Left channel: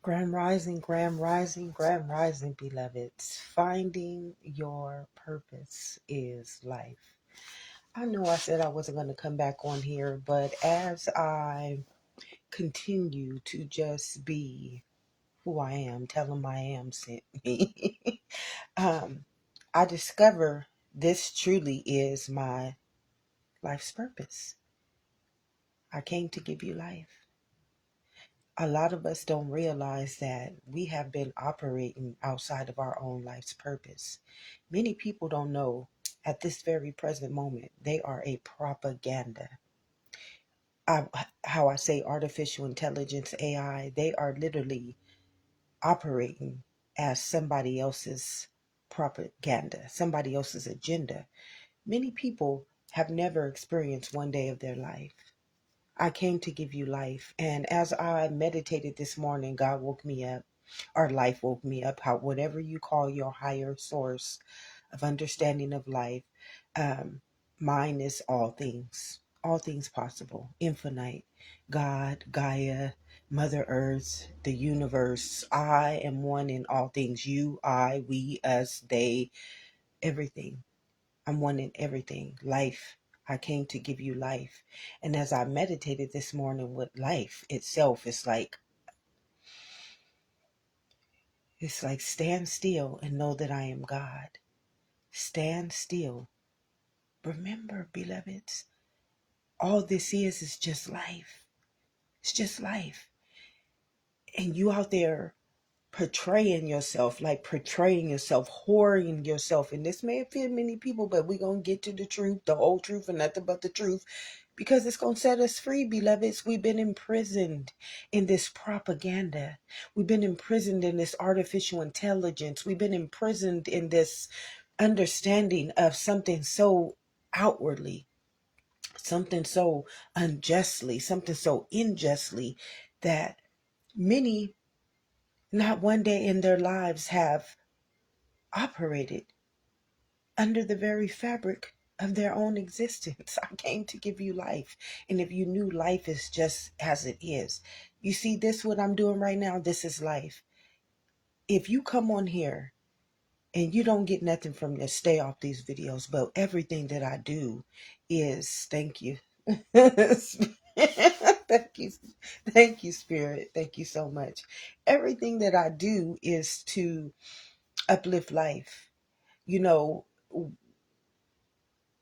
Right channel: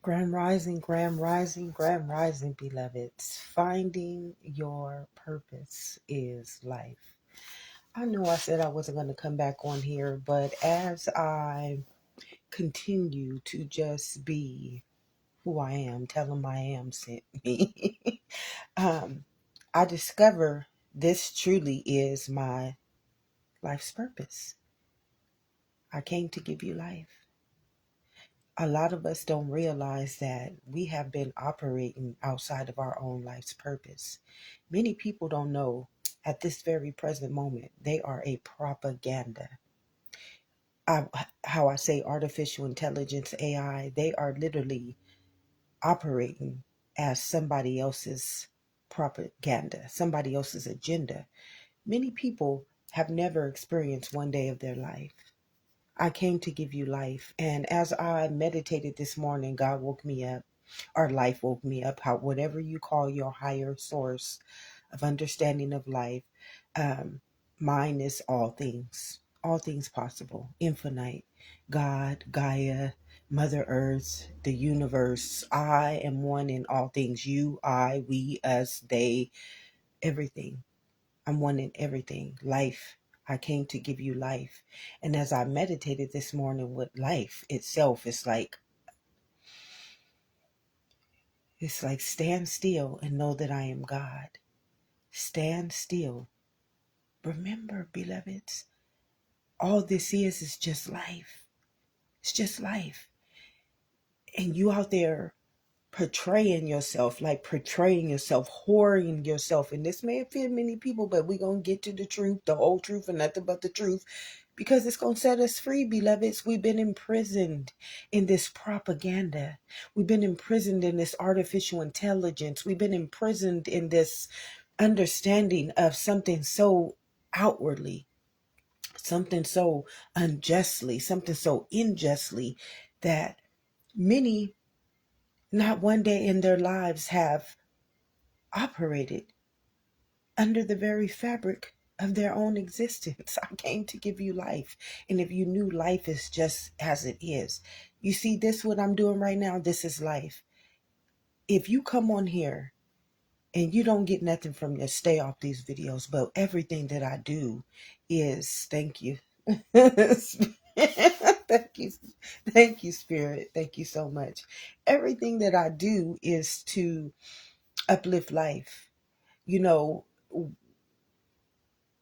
Grand rising, grand rising, beloveds. Finding your purpose is life. I know I said I wasn't going to come back on here, but as I continue to just be who I am, tell them I am sent me, um, I discover this truly is my life's purpose. I came to give you life. A lot of us don't realize that we have been operating outside of our own life's purpose. Many people don't know at this very present moment they are a propaganda. How I say artificial intelligence, AI, they are literally operating as somebody else's propaganda, somebody else's agenda. Many people have never experienced one day of their life. I came to give you life. And as I meditated this morning, God woke me up, or life woke me up, whatever you call your higher source of understanding of life. Um, Mine is all things possible, infinite, God, Gaia, Mother Earth, the universe. I am one in all things. You, I, we, us, they, everything. I'm one in everything. Life. I came to give you life. And as I meditated this morning with life itself, it's like stand still and know that I am God. Stand still. Remember, beloveds, all this is just life. It's just life. And you out there portraying yourself, whoring yourself. And this may offend many people, but we're going to get to the truth, the whole truth, and nothing but the truth, because it's going to set us free, beloveds. We've been imprisoned in this propaganda. We've been imprisoned in this artificial intelligence. We've been imprisoned in this understanding of something so outwardly, something so unjustly, something so unjustly that many not one day in their lives have operated under the very fabric of their own existence. I came to give you life. And if you knew life is just as it is, you see this, what I'm doing right now, this is life. If you come on here and you don't get nothing from this, stay off these videos. But everything that I do is thank you. Thank you. Thank you, Spirit. Thank you so much. Everything that I do is to uplift life. You know,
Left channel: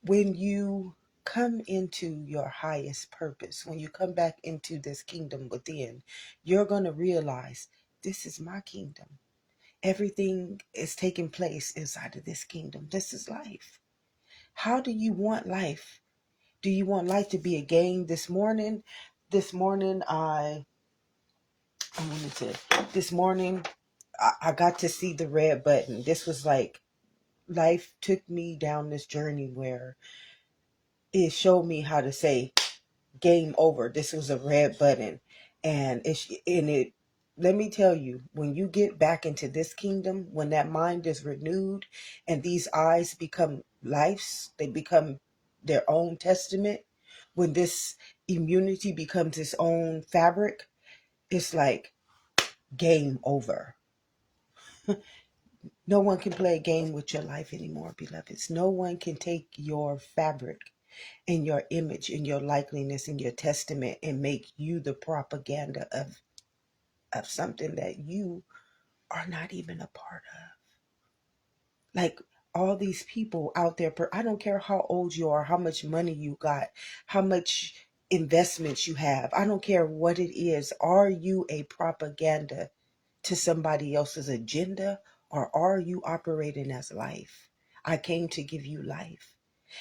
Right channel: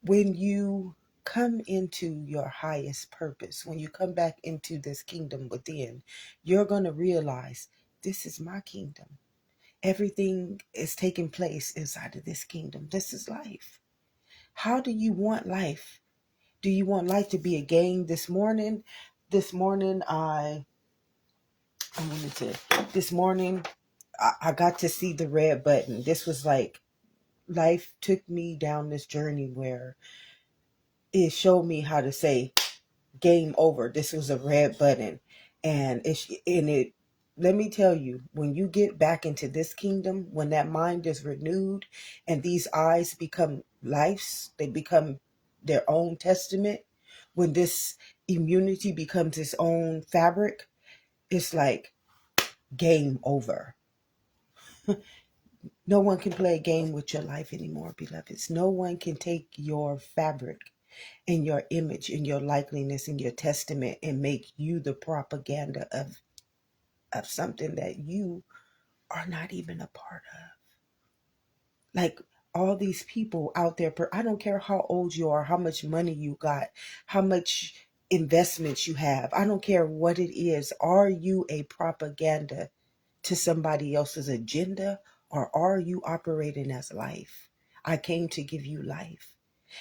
when you come into your highest purpose, when you come back into this kingdom within, you're going to realize this is my kingdom. Everything is taking place inside of this kingdom. This is life. How do you want life? Do you want life to be a game? This morning, I wanted to, this morning, I got to see the red button. This was like, life took me down this journey where it showed me how to say game over. This was a red button. And it let me tell you, when you get back into this kingdom, when that mind is renewed and these eyes become lives, they become their own testament, when this immunity becomes its own fabric, it's like game over. No one can play a game with your life anymore, beloveds. No one can take your fabric and your image and your likeliness and your testament and make you the propaganda of something that you are not even a part of. Like all these people out there, I don't care how old you are, how much money you got, how much investments you have. I don't care what it is. Are you a propaganda to somebody else's agenda, or are you operating as life? I came to give you life.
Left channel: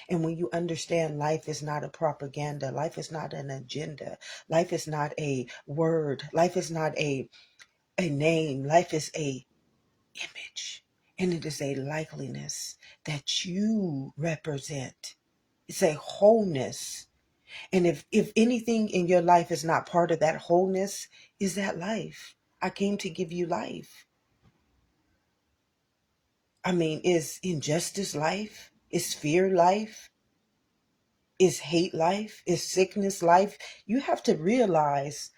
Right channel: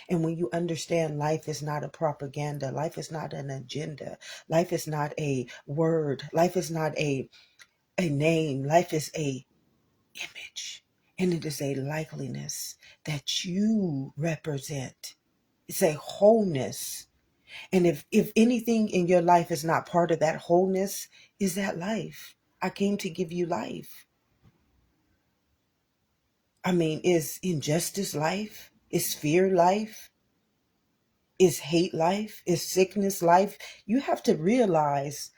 And when you understand life is not a propaganda, life is not an agenda, life is not a word, life is not a name, life is a image. And it is a likeliness that you represent. It's a wholeness. And if anything in your life is not part of that wholeness, is that life? I came to give you life. I mean, is injustice life? Is fear life? Is hate life? Is sickness life? You have to realize,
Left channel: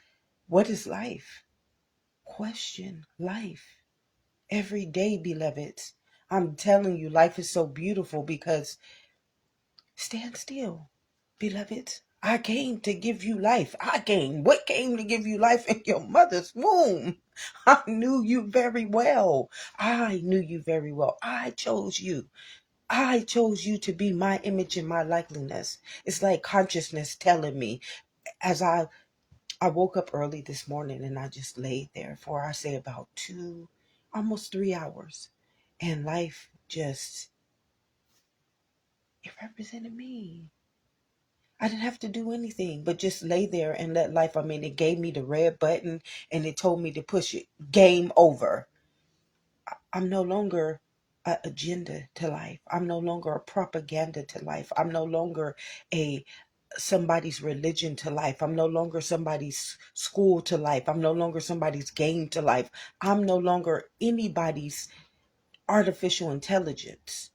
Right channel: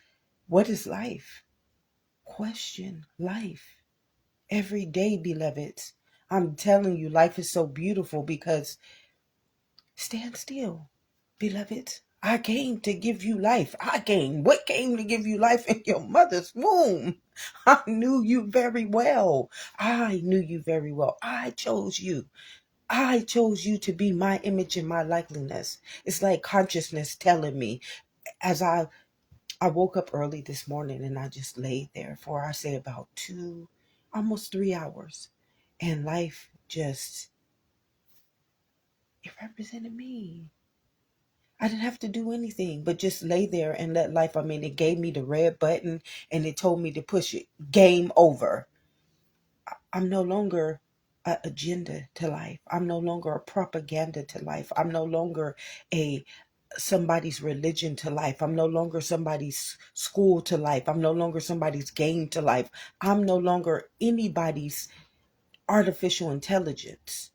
what is life? question life every day, beloveds. I'm telling you, life is so beautiful because stand still, beloveds. I came to give you life. What came to give you life in your mother's womb? I knew you very well. I knew you very well. I chose you. I chose you to be my image and my likeness. It's like consciousness telling me as I woke up early this morning and I just laid there for, I say, about 3 hours. And life just, it represented me. I didn't have to do anything but just lay there and let life, it gave me the red button and it told me to push it. Game over. I'm no longer an agenda to life. I'm no longer a propaganda to life. I'm no longer somebody's religion to life. I'm no longer somebody's school to life. I'm no longer somebody's game to life. I'm no longer anybody's artificial intelligence.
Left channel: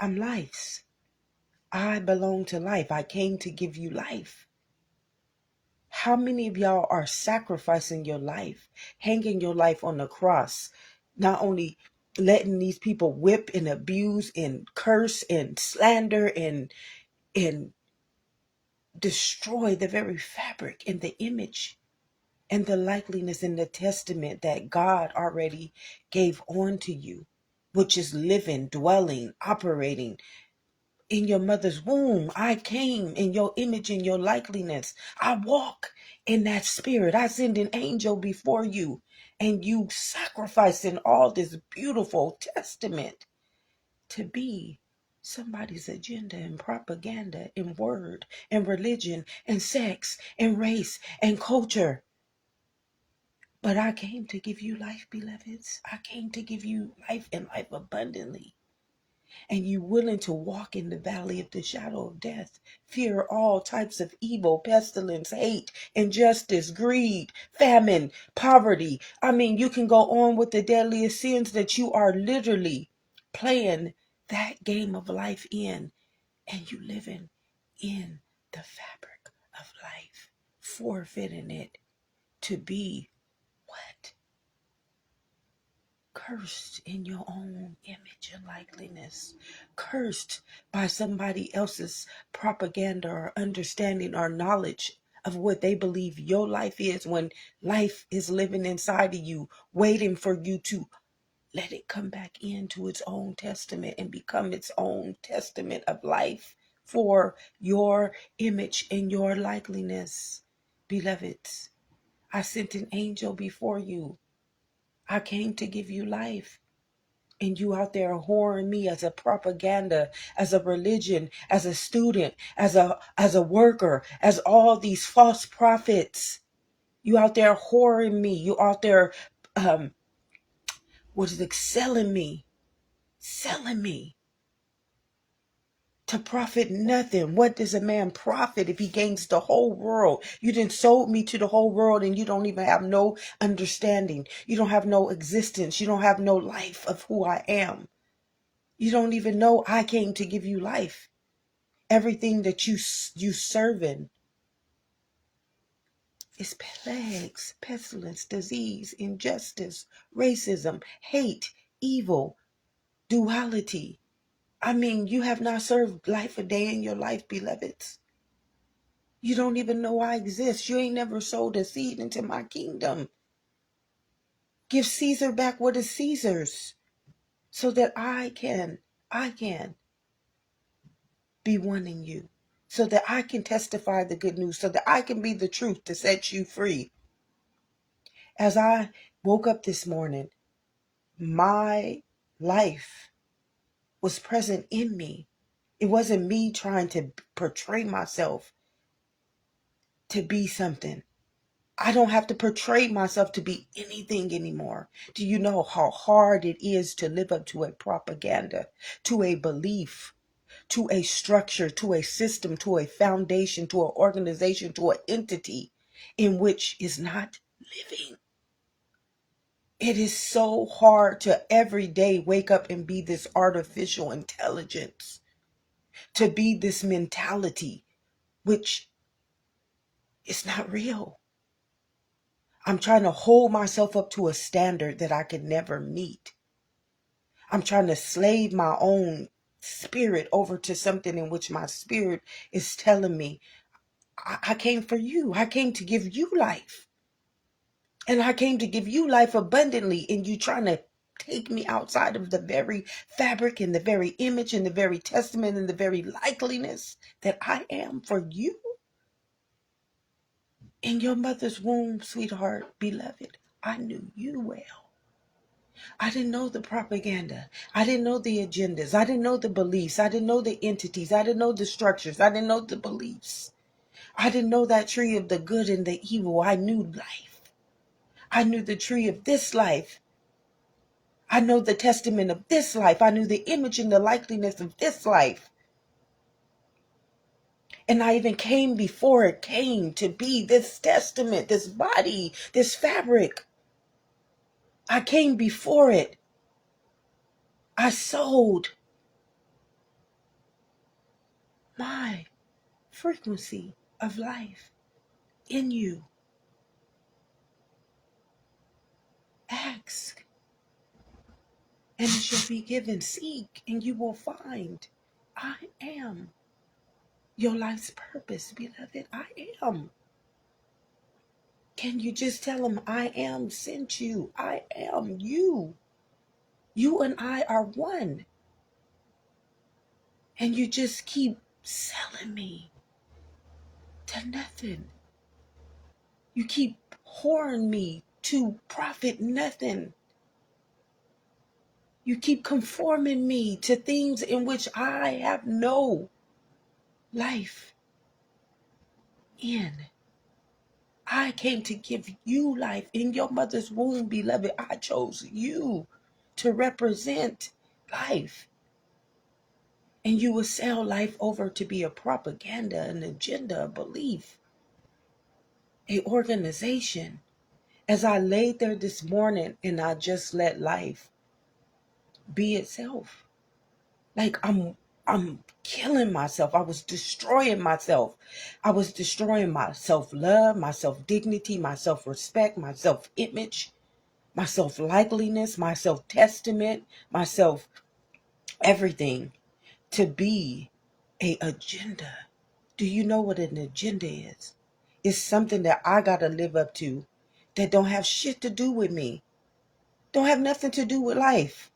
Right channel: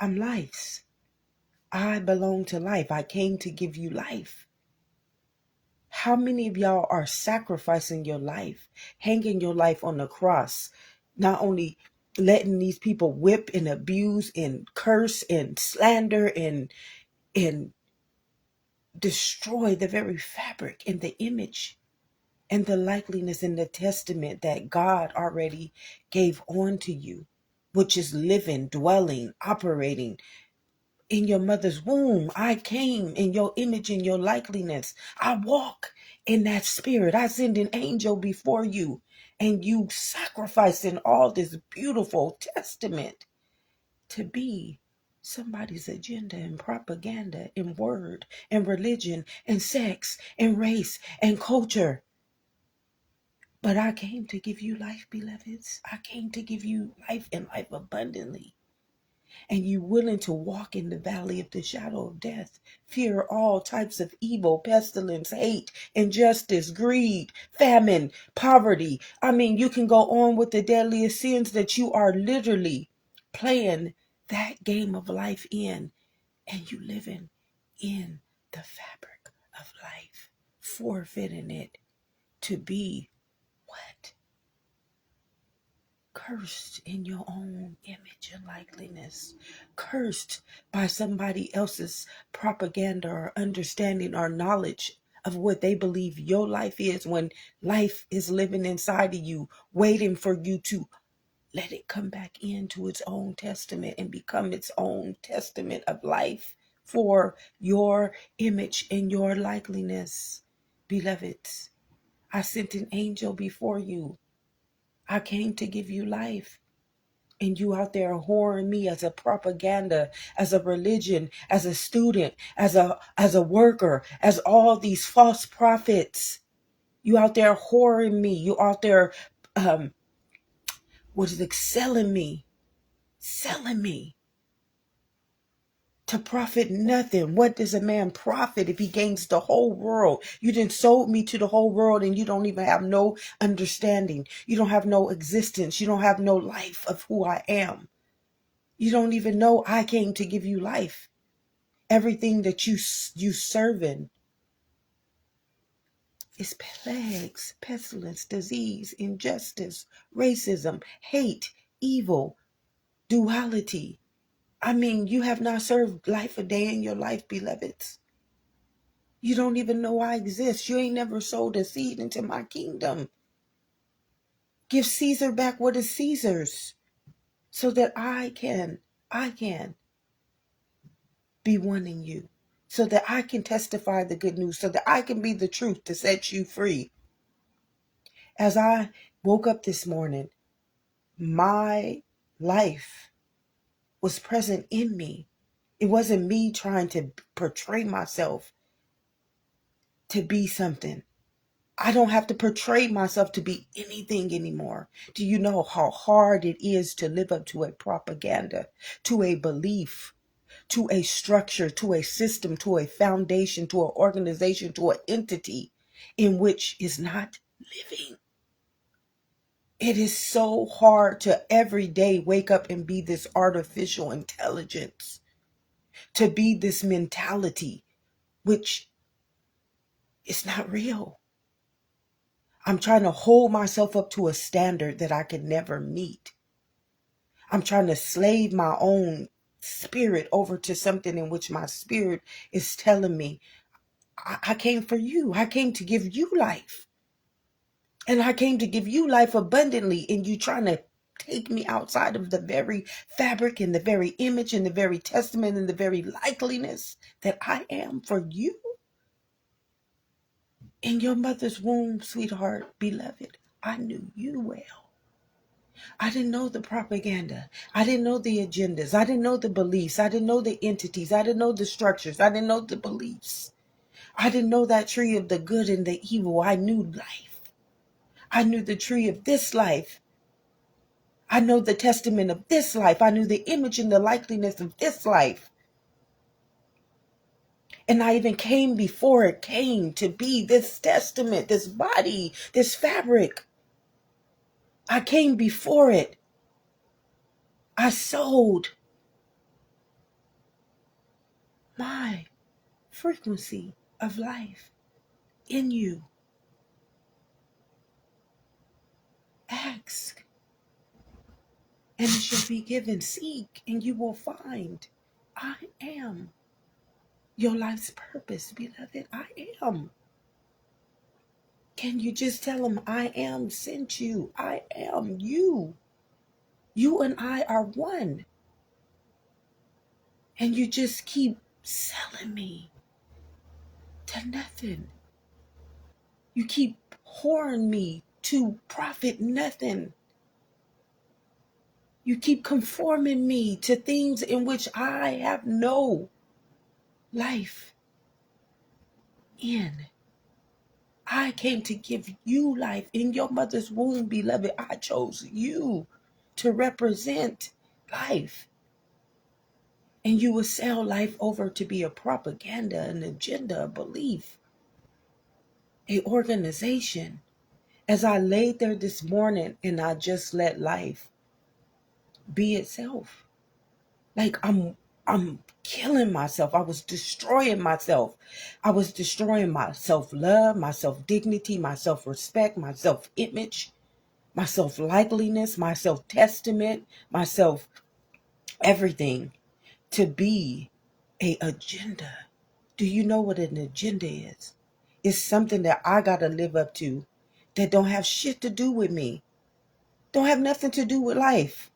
I'm life's. I belong to life. I came to give you life. How many of y'all are sacrificing your life, hanging your life on the cross, not only letting these people whip and abuse and curse and slander and destroy the very fabric and the image and the likeliness and the testament that God already gave on to you, which is living, dwelling, operating in your mother's womb. I came in your image and your likeliness. I walk in that spirit. I send an angel before you, and you sacrificing all this beautiful testament to be somebody's agenda and propaganda and word and religion and sex and race and culture. But I came to give you life, beloveds. I came to give you life and life abundantly. And you willing to walk in the valley of the shadow of death, fear all types of evil, pestilence, hate, injustice, greed, famine, poverty. You can go on with the deadliest sins that you are literally playing that game of life in, and you living in the fabric of life, forfeiting it to be what? Cursed in your own image and likeness, cursed by somebody else's propaganda or understanding or knowledge of what they believe your life is, when life is living inside of you, waiting for you to let it come back into its own testament and become its own testament of life for your image and your likeness. Beloveds, I sent an angel before you. I came to give you life. And you out there whoring me as a propaganda, as a religion, as a student, as a worker, as all these false prophets. You out there whoring me. You out there selling me to profit nothing. What does a man profit if he gains the whole world? You done sold me to the whole world and you don't even have no understanding. You don't have no existence. You don't have no life of who I am. You don't even know I came to give you life. Everything that you serving is plagues, pestilence, disease, injustice, racism, hate, evil, duality. You have not served life a day in your life, beloveds. You don't even know I exist. You ain't never sowed a seed into my kingdom. Give Caesar back what is Caesar's, so that I can be one in you, so that I can testify the good news, so that I can be the truth to set you free. As I woke up this morning, my life was present in me. It wasn't me trying to portray myself to be something. I don't have to portray myself to be anything anymore. Do you know how hard it is to live up to a propaganda, to a belief, to a structure, to a system, to a foundation, to an organization, to an entity in which is not living? It is so hard to every day wake up and be this artificial intelligence, to be this mentality, which is not real. I'm trying to hold myself up to a standard that I can never meet. I'm trying to slave my own spirit over to something in which my spirit is telling me, I came for you. I came to give you life. And I came to give you life abundantly. And you trying to take me outside of the very fabric and the very image and the very testament and the very likeliness that I am for you. In your mother's womb, sweetheart, beloved, I knew you well. I didn't know the propaganda. I didn't know the agendas. I didn't know the beliefs. I didn't know the entities. I didn't know the structures. I didn't know the beliefs. I didn't know that tree of the good and the evil. I knew life. I knew the tree of this life. I know the testament of this life. I knew the image and the likeliness of this life. And I even came before it came to be this testament, this body, this fabric. I came before it. I sold my frequency of life in you. Ask, and it shall be given. Seek, and you will find. I am your life's purpose, beloved. I am. Can you just tell him, I am sent you. I am you. You and I are one. And you just keep selling me to nothing. You keep whoring me to profit nothing. You keep conforming me to things in which I have no life in. I came to give you life in your mother's womb, beloved. I chose you to represent life. And you would sell life over to be a propaganda, an agenda, a belief, an organization. As I laid there this morning and I just let life be itself. Like I'm killing myself. I was destroying myself. I was destroying my self-love, my self-dignity, my self-respect, my self-image, my self-likeliness, my self-testament, my self-everything to be an agenda. Do you know what an agenda is? It's something that I got to live up to that don't have shit to do with me. Don't have nothing to do with life.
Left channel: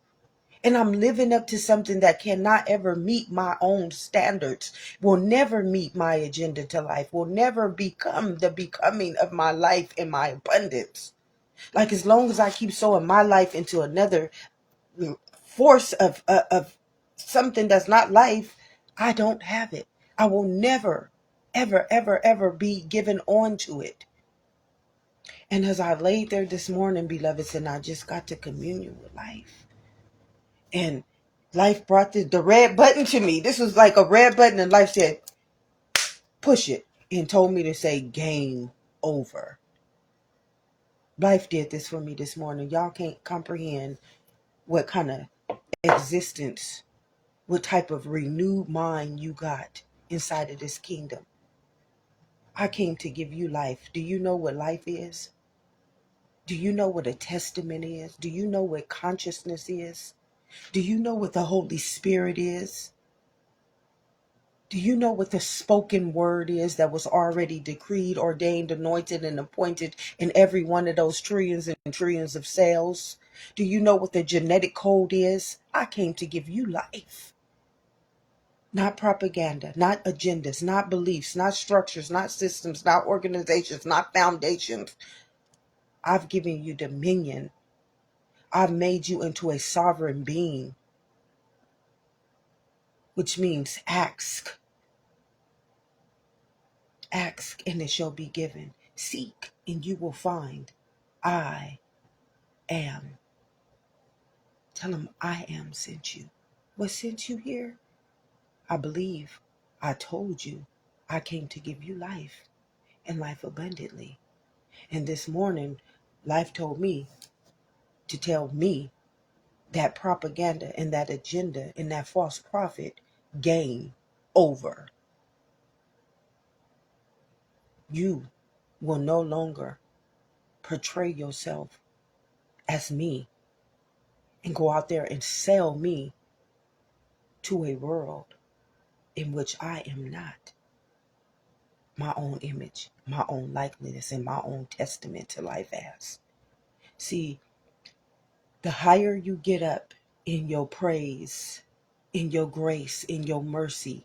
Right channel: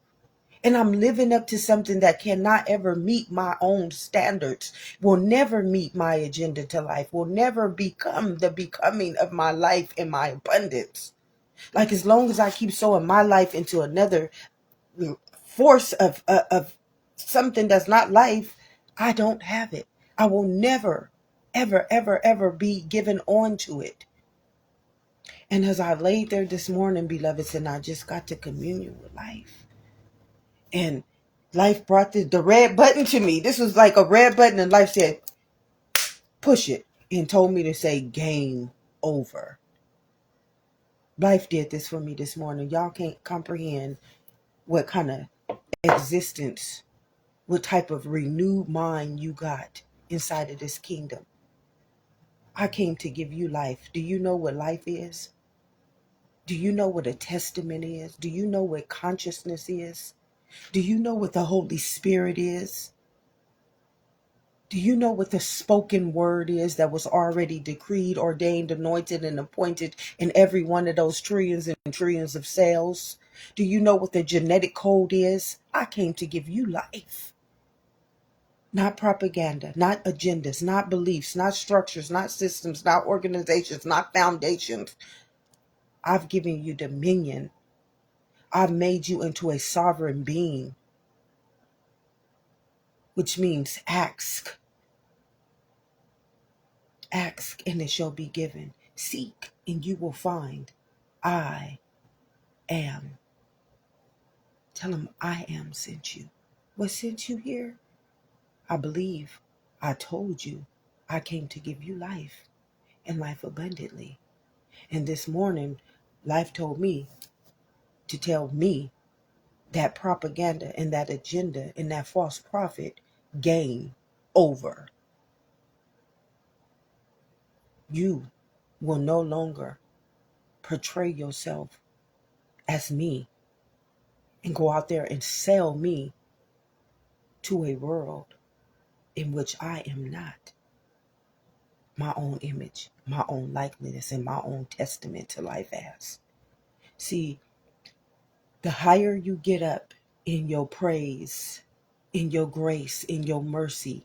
And I'm living up to something that cannot ever meet my own standards, will never meet my agenda to life, will never become the becoming of my life and my abundance. Like as long as I keep sowing my life into another force of something that's not life, I don't have it. I will never, ever, ever, ever be given on to it. And as I laid there this morning, beloveds, and I just got to communion with life. And life brought the red button to me. This was like a red button, and life said, push it, and told me to say game over. Life did this for me this morning. Y'all can't comprehend what kind of existence, what type of renewed mind you got inside of this kingdom. I came to give you life. Do you know what life is? Do you know what a testament is? Do you know what consciousness is? Do you know what the Holy Spirit is? Do you know what the spoken word is that was already decreed, ordained, anointed, and appointed in every one of those trillions and trillions of cells? Do you know what the genetic code is? I came to give you life. Not propaganda, not agendas, not beliefs, not structures, not systems, not organizations, not foundations. I've given you dominion. I've made you into a sovereign being, which means ask. Ask and it shall be given. Seek and you will find. I am. Tell them I am sent you. What sent you here? I believe I told you I came to give you life and life abundantly. And this morning, life told me to tell me that propaganda and that agenda and that false prophet game over. You will no longer portray yourself as me and go out there and sell me to a world in which I am not my own image, my own likeness, and my own testament to life as. See, the higher you get up in your praise, in your grace, in your mercy,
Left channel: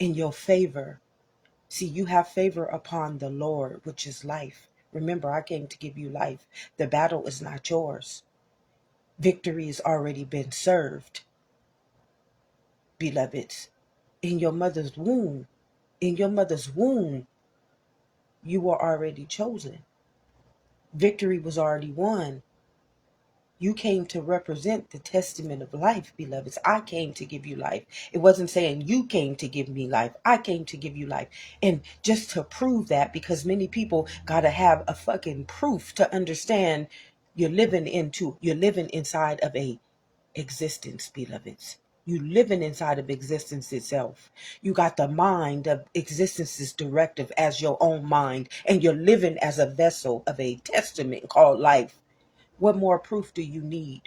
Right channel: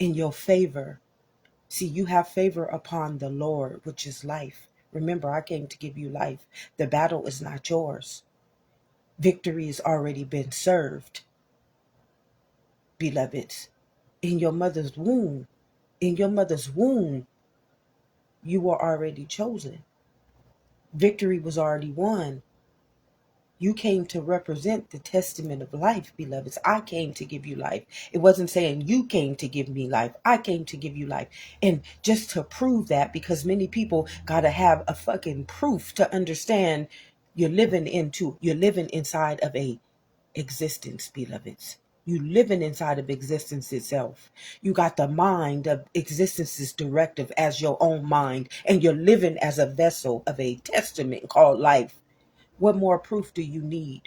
in your favor. See, you have favor upon the Lord, which is life. Remember, I came to give you life. The battle is not yours. Victory has already been served, beloveds. In your mother's womb, you were already chosen. Victory was already won. You came to represent the testament of life, beloveds. I came to give you life. It wasn't saying you came to give me life. I came to give you life. And just to prove that, because many people got to have a fucking proof to understand you're living inside of a existence, beloveds. You living inside of existence itself. You got the mind of existence's directive as your own mind, and you're living as a vessel of a testament called life. What more proof do you need?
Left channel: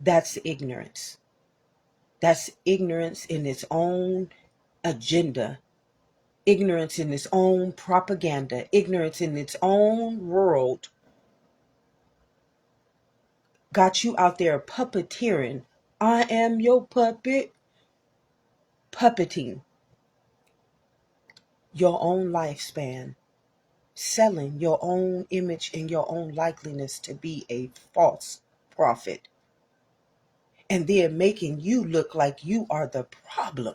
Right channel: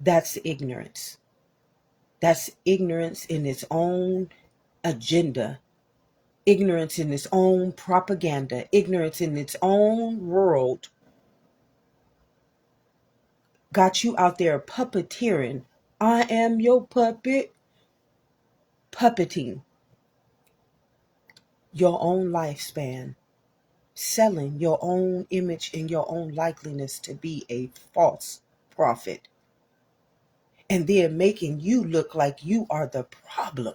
That's ignorance. That's ignorance in its own agenda, ignorance in its own propaganda, ignorance in its own world. Got you out there puppeteering. I am your puppet. Puppeting your own lifespan, selling your own image and your own likeliness to be a false prophet, and then making you look like you are the problem.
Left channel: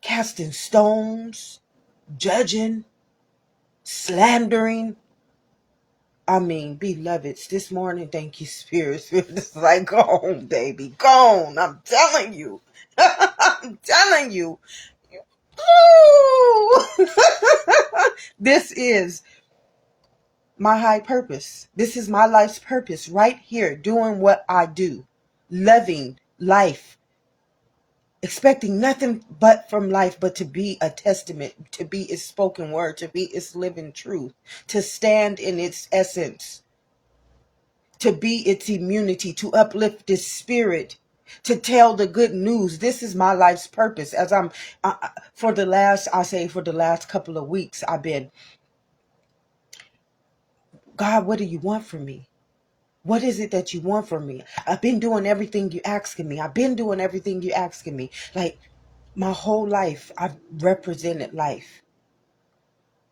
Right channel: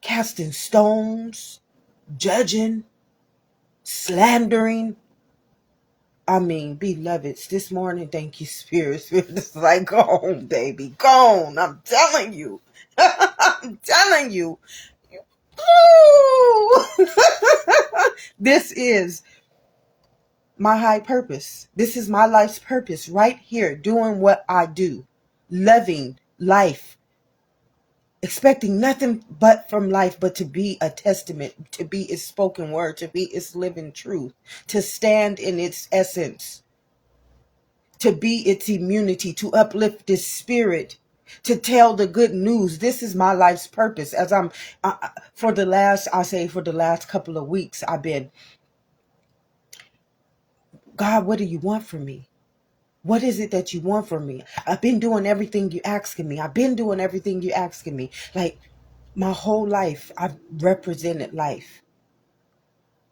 Casting stones, judging, slandering. I mean, beloveds, this morning, thank you, Spirit. It's like, go on, baby, go on. I'm telling you. I'm telling you. This is my high purpose. This is my life's purpose right here, doing what I do, loving life, expecting nothing but from life, but to be a testament, to be its spoken word, to be its living truth, to stand in its essence, to be its immunity, to uplift its spirit, to tell the good news. This is my life's purpose. As for the last couple of weeks, I've been, God, what do you want from me? What is it that you want from me? I've been doing everything you're asking me. Like, my whole life, I've represented life.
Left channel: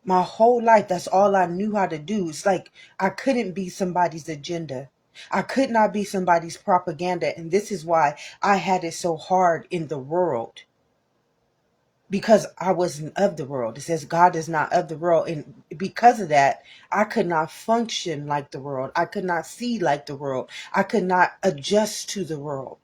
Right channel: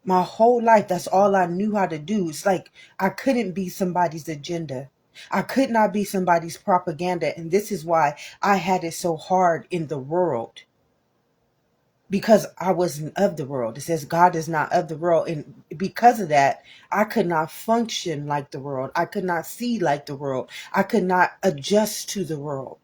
My whole life, that's all I knew how to do. It's like I couldn't be somebody's agenda. I could not be somebody's propaganda. And this is why I had it so hard in the world. Because I wasn't of the world. It says God is not of the world. And because of that, I could not function like the world. I could not see like the world. I could not adjust to the world.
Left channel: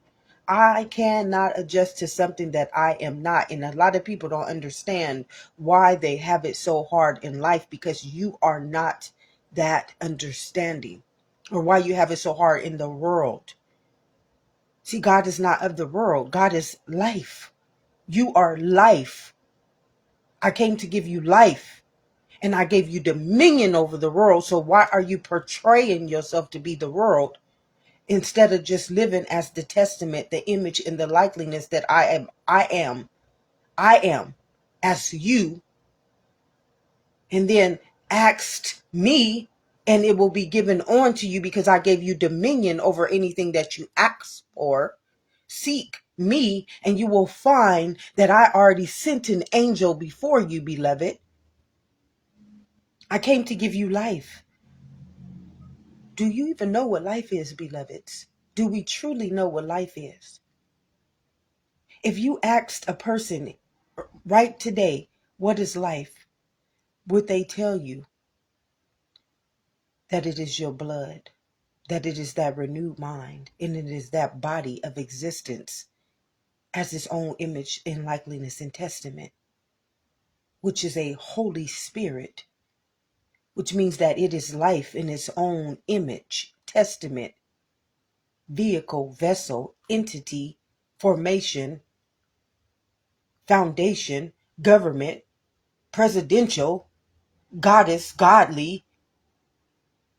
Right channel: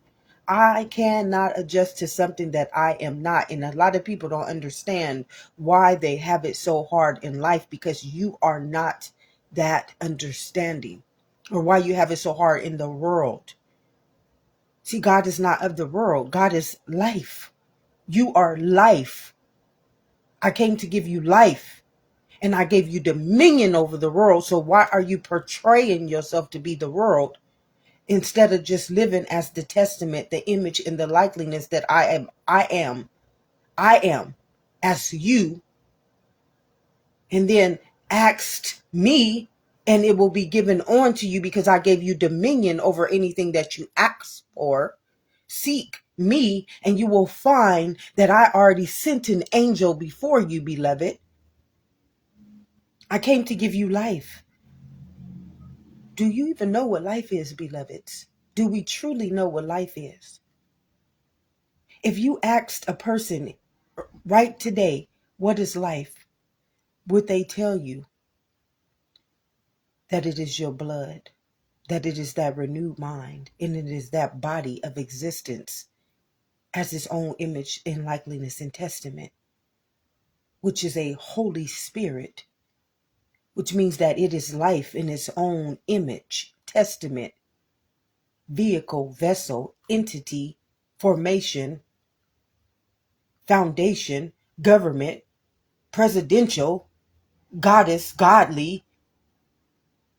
I cannot adjust to something that I am not. And a lot of people don't understand why they have it so hard in life, because you are not that understanding, or why you have it so hard in the world. See, God is not of the world. God is life. You are life. I came to give you life, and I gave you dominion over the world. So why are you portraying yourself to be the world instead of just living as the testament, the image, and the likeliness that I am as you? And then asked me, and it will be given on to you, because I gave you dominion over anything that you ask for. Seek me, and you will find that I already sent an angel before you, beloved. I came to give you life. Do you even know what life is, beloveds? Do we truly know what life is? If you asked a person right today, what is life? Would they tell you that it is your blood, that it is that renewed mind, and it is that body of existence as its own image and likeness and testament, which is a Holy Spirit, which means that it is life in its own image, testament, vehicle, vessel, entity, formation, foundation, government, presidential, goddess, godly.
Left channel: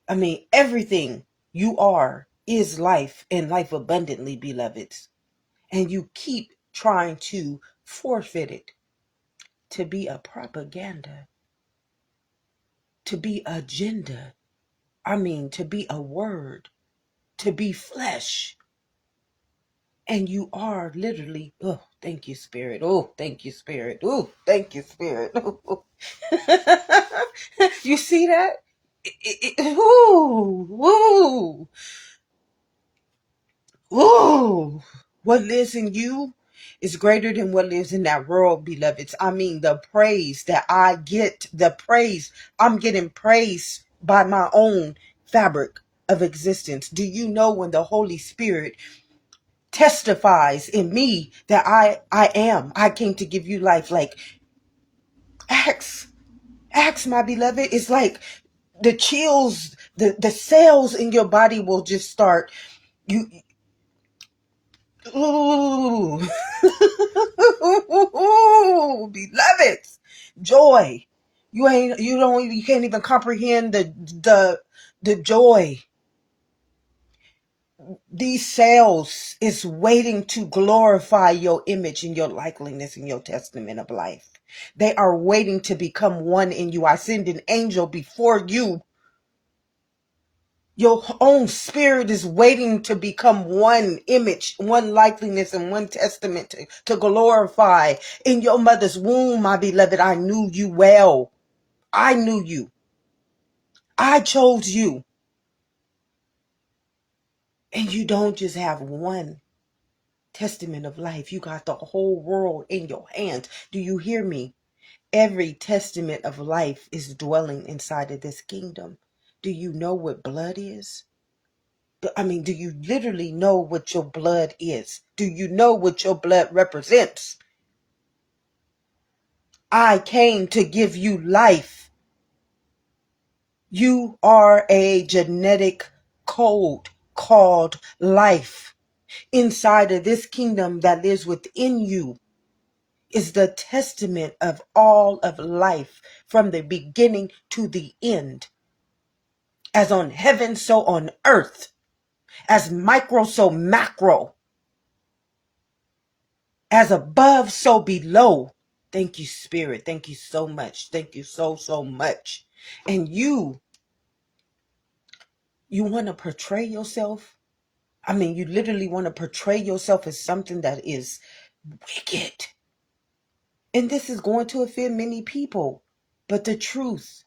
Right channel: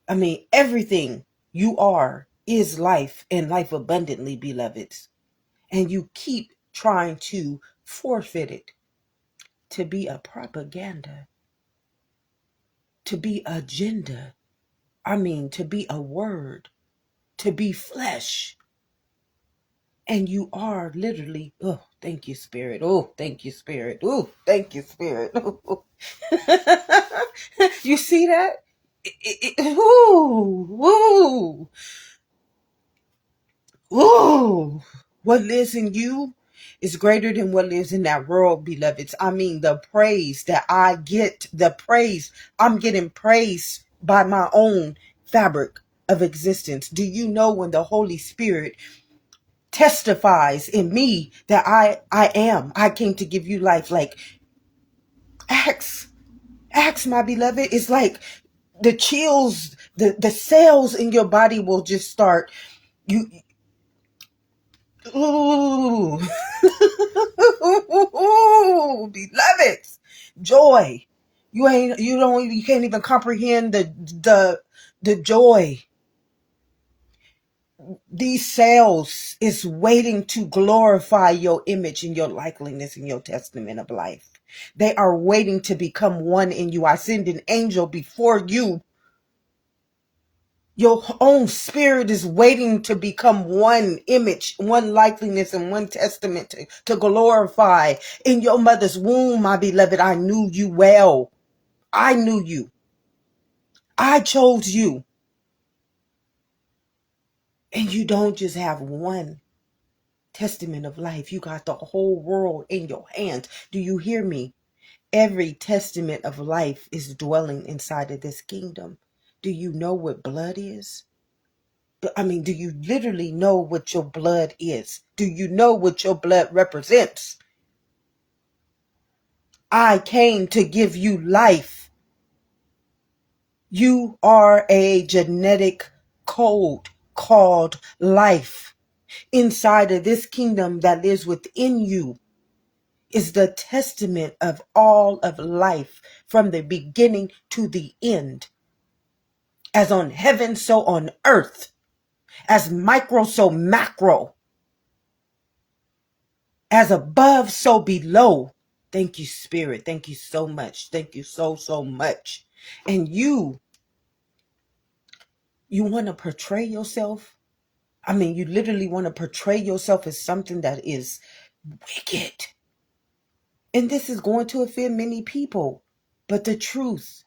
I mean, everything you are is life and life abundantly, beloveds. And you keep trying to forfeit it to be a propaganda, to be agenda. I mean, to be a word, to be flesh. And you are literally, oh, thank you, Spirit. Oh, thank you, Spirit. Oh, thank you, Spirit. You see that? Ooh, ooh, ooh. What lives in you is greater than what lives in that world, beloveds. I mean, the praise that I get, the praise, I'm getting praise by my own fabric of existence. Do you know when the Holy Spirit testifies in me that I came to give you life? Like, ask my beloved. It's like the chills, the cells in your body will just start, you, ooh, ooh, beloveds, joy. You can't even comprehend the joy. These cells is waiting to glorify your image and your likeliness and your testament of life. They are waiting to become one in you. I send an angel before you. Your own spirit is waiting to become one image, one likeliness, and one testament to glorify. In your mother's womb, my beloved, I knew you well. I knew you. I chose you. And you don't just have one testament of life. You got the whole world in your hands. Do you hear me? Every testament of life is dwelling inside of this kingdom. Do you know what blood is? I mean, do you literally know what your blood is? Do you know what your blood represents? I came to give you life. You are a genetic code called life. Inside of this kingdom that lives within you is the testament of all of life from the beginning to the end. As on heaven, so on earth. As micro, so macro. As above, so below. Thank you, Spirit. Thank you so much. Thank you so, so much. And you want to portray yourself? I mean, you literally want to portray yourself as something that is wicked. And this is going to offend many people. But the truth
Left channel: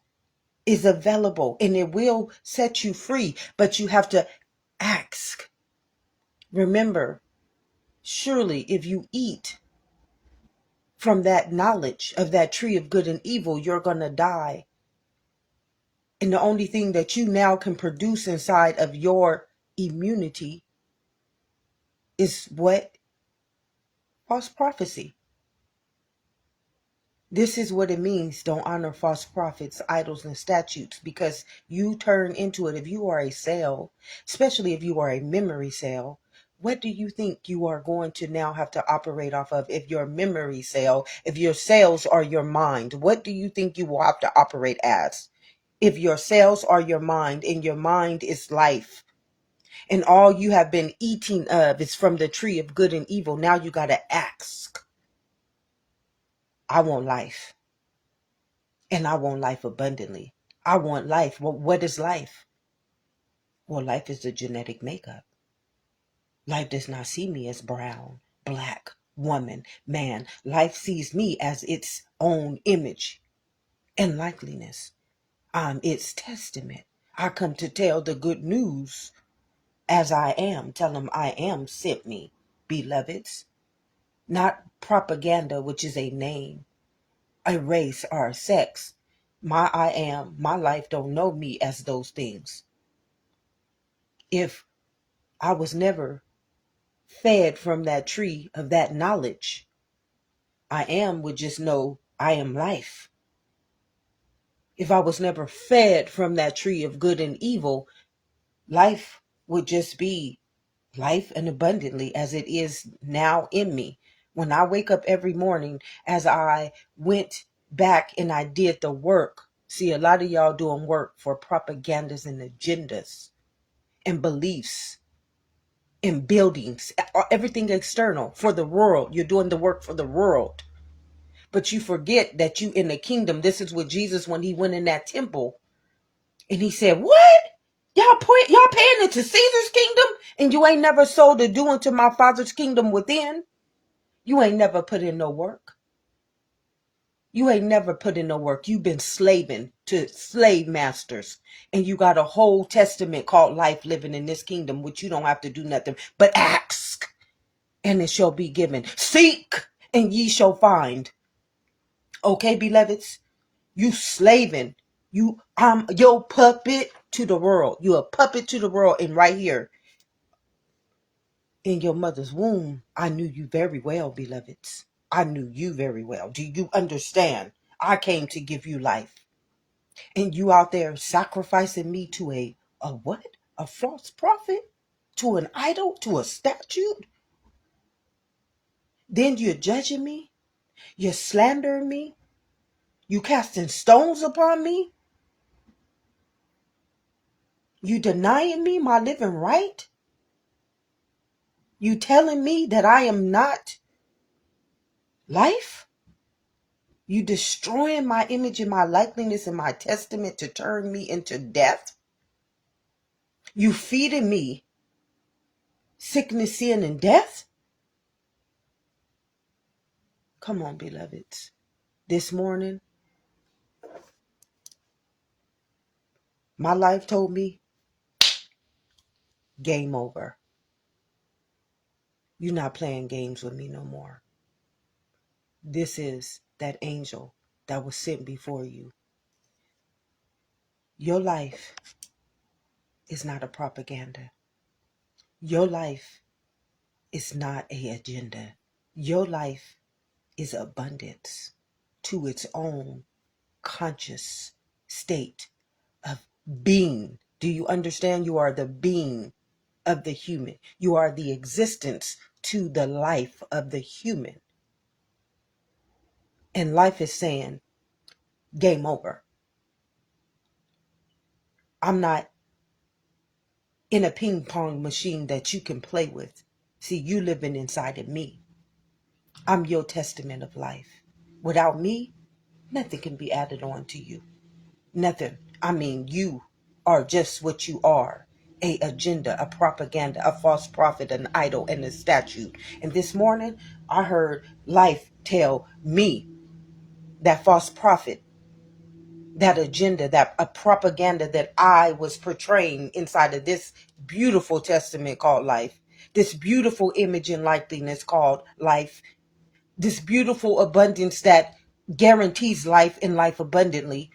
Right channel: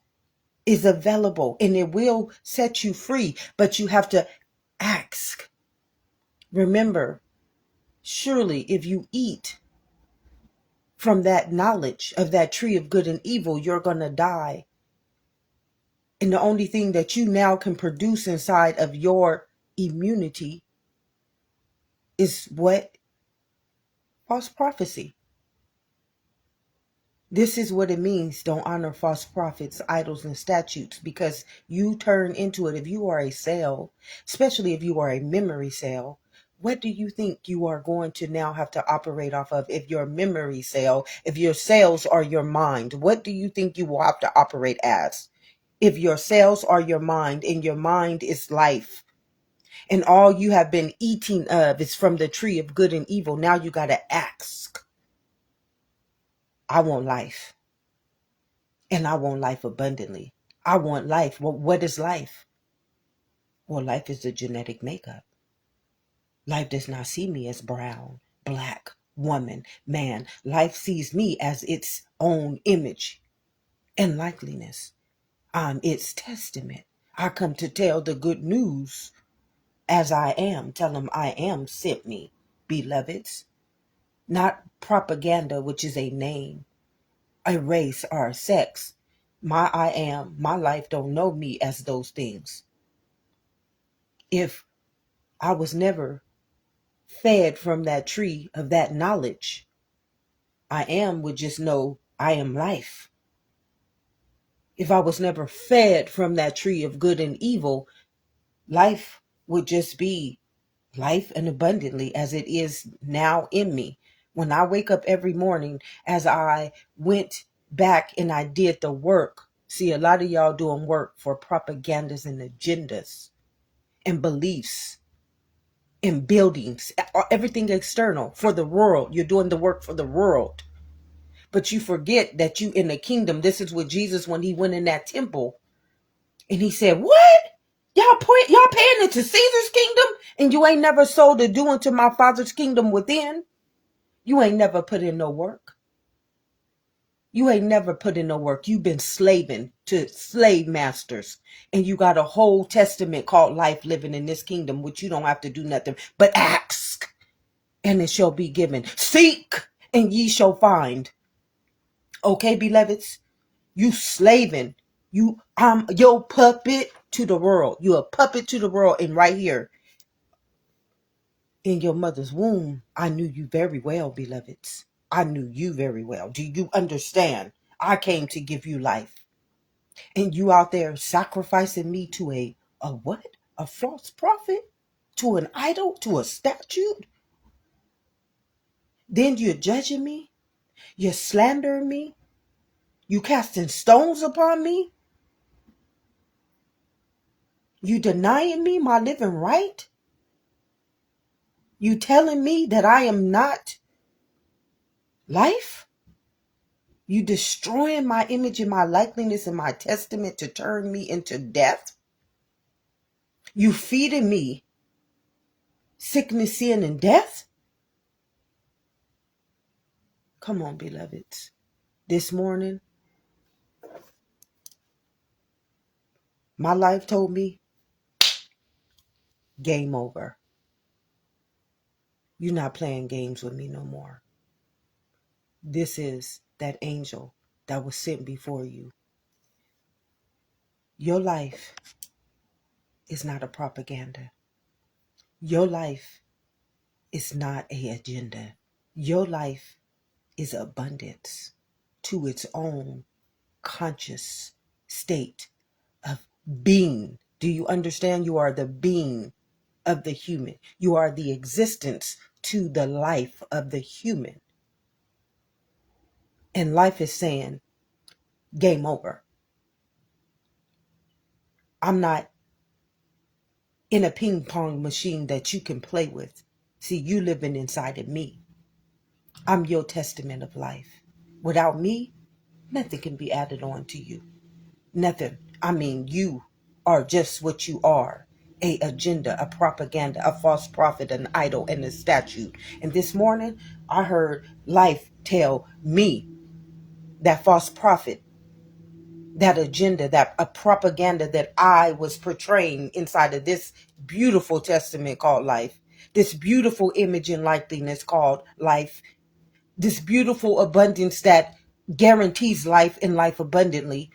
is available and it will set you free. But you have to ask. Remember, surely if you eat from that knowledge of that tree of good and evil, you're going to die. And the only thing that you now can produce inside of your immunity is what? False prophecy. This is what it means. Don't honor false prophets, idols, and statutes, because you turn into it. If you are a cell, especially if you are a memory cell, what do you think you are going to now have to operate off of? If your memory cell, if your cells are your mind, what do you think you will have to operate as? If your cells are your mind and your mind is life, and all you have been eating of is from the tree of good and evil, now you got to ask. I want life. And I want life abundantly. I want life. Well, what is life? Well, life is the genetic makeup. Life does not see me as brown, black, woman, man. Life sees me as its own image and likeliness. I'm its testament. I come to tell the good news as I am. Tell them I am sent me, beloveds. Not propaganda, which is a name, a race, or a sex. My I am, my life don't know me as those things. If I was never fed from that tree of that knowledge, I am would just know I am life. If I was never fed from that tree of good and evil, life would just be life and abundantly as it is now in me. When I wake up every morning, as I went back and I did the work. See, a lot of y'all doing work for propagandas and agendas and beliefs and buildings, everything external for the world. You're doing the work for the world. But you forget that you in the kingdom. This is what Jesus, when he went in that temple and he said, what? Y'all paying into Caesar's kingdom and you ain't never sold to do unto my Father's kingdom within? You ain't never put in no work. You ain't never put in no work. You've been slaving to slave masters. And you got a whole testament called life living in this kingdom, which you don't have to do nothing but ask, and it shall be given. Seek, and ye shall find. Okay, beloveds? You slaving. You your puppet to the world. You a puppet to the world. And right here in your mother's womb, I knew you very well, beloveds. I knew you very well. Do you understand? I came to give you life. And you out there sacrificing me to a what? A false prophet? To an idol? To a statue? Then you're judging me? You're slandering me? You casting stones upon me? You denying me my living right? You telling me that I am not life? You destroying my image and my likeness and my testament to turn me into death? You feeding me sickness, sin, and death? Come on, beloveds. This morning, my life told me, game over. You're not playing games with me no more. This is that angel that was sent before you. Your life is not a propaganda. Your life is not an agenda. Your life is abundance to its own conscious state of being. Do you understand? You are the being of the human. You are the existence to the life of the human. And life is saying, game over. I'm not in a ping pong machine that you can play with. See, you living inside of me. I'm your testament of life. Without me, nothing can be added on to you. Nothing. I mean, you are just what you are. A agenda, a propaganda, a false prophet, an idol, and a statute. And this morning, I heard life tell me that false prophet, that agenda, that a propaganda that I was portraying inside of this beautiful testament called life, this beautiful image and likeness called life, this beautiful abundance that guarantees life and life abundantly,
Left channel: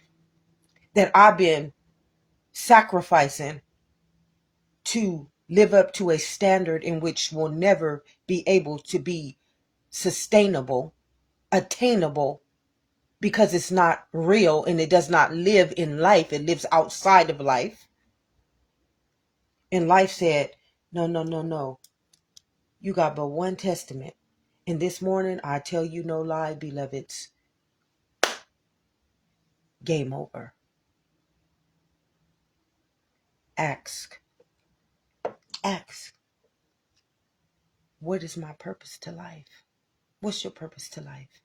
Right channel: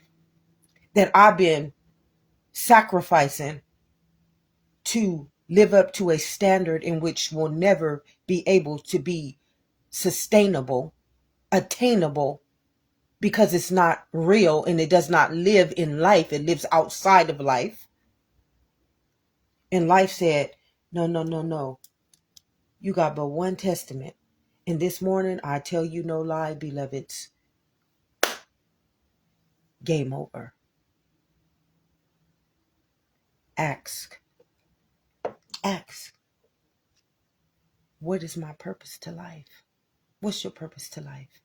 that I've been sacrificing to live up to a standard in which will never be able to be sustainable, attainable, because it's not real and it does not live in life. It lives outside of life. And life said, no, no, no, no. You got but one testament. And this morning, I tell you no lie, beloveds, game over. Ask. Ask. What is my purpose to life? What's your purpose to life?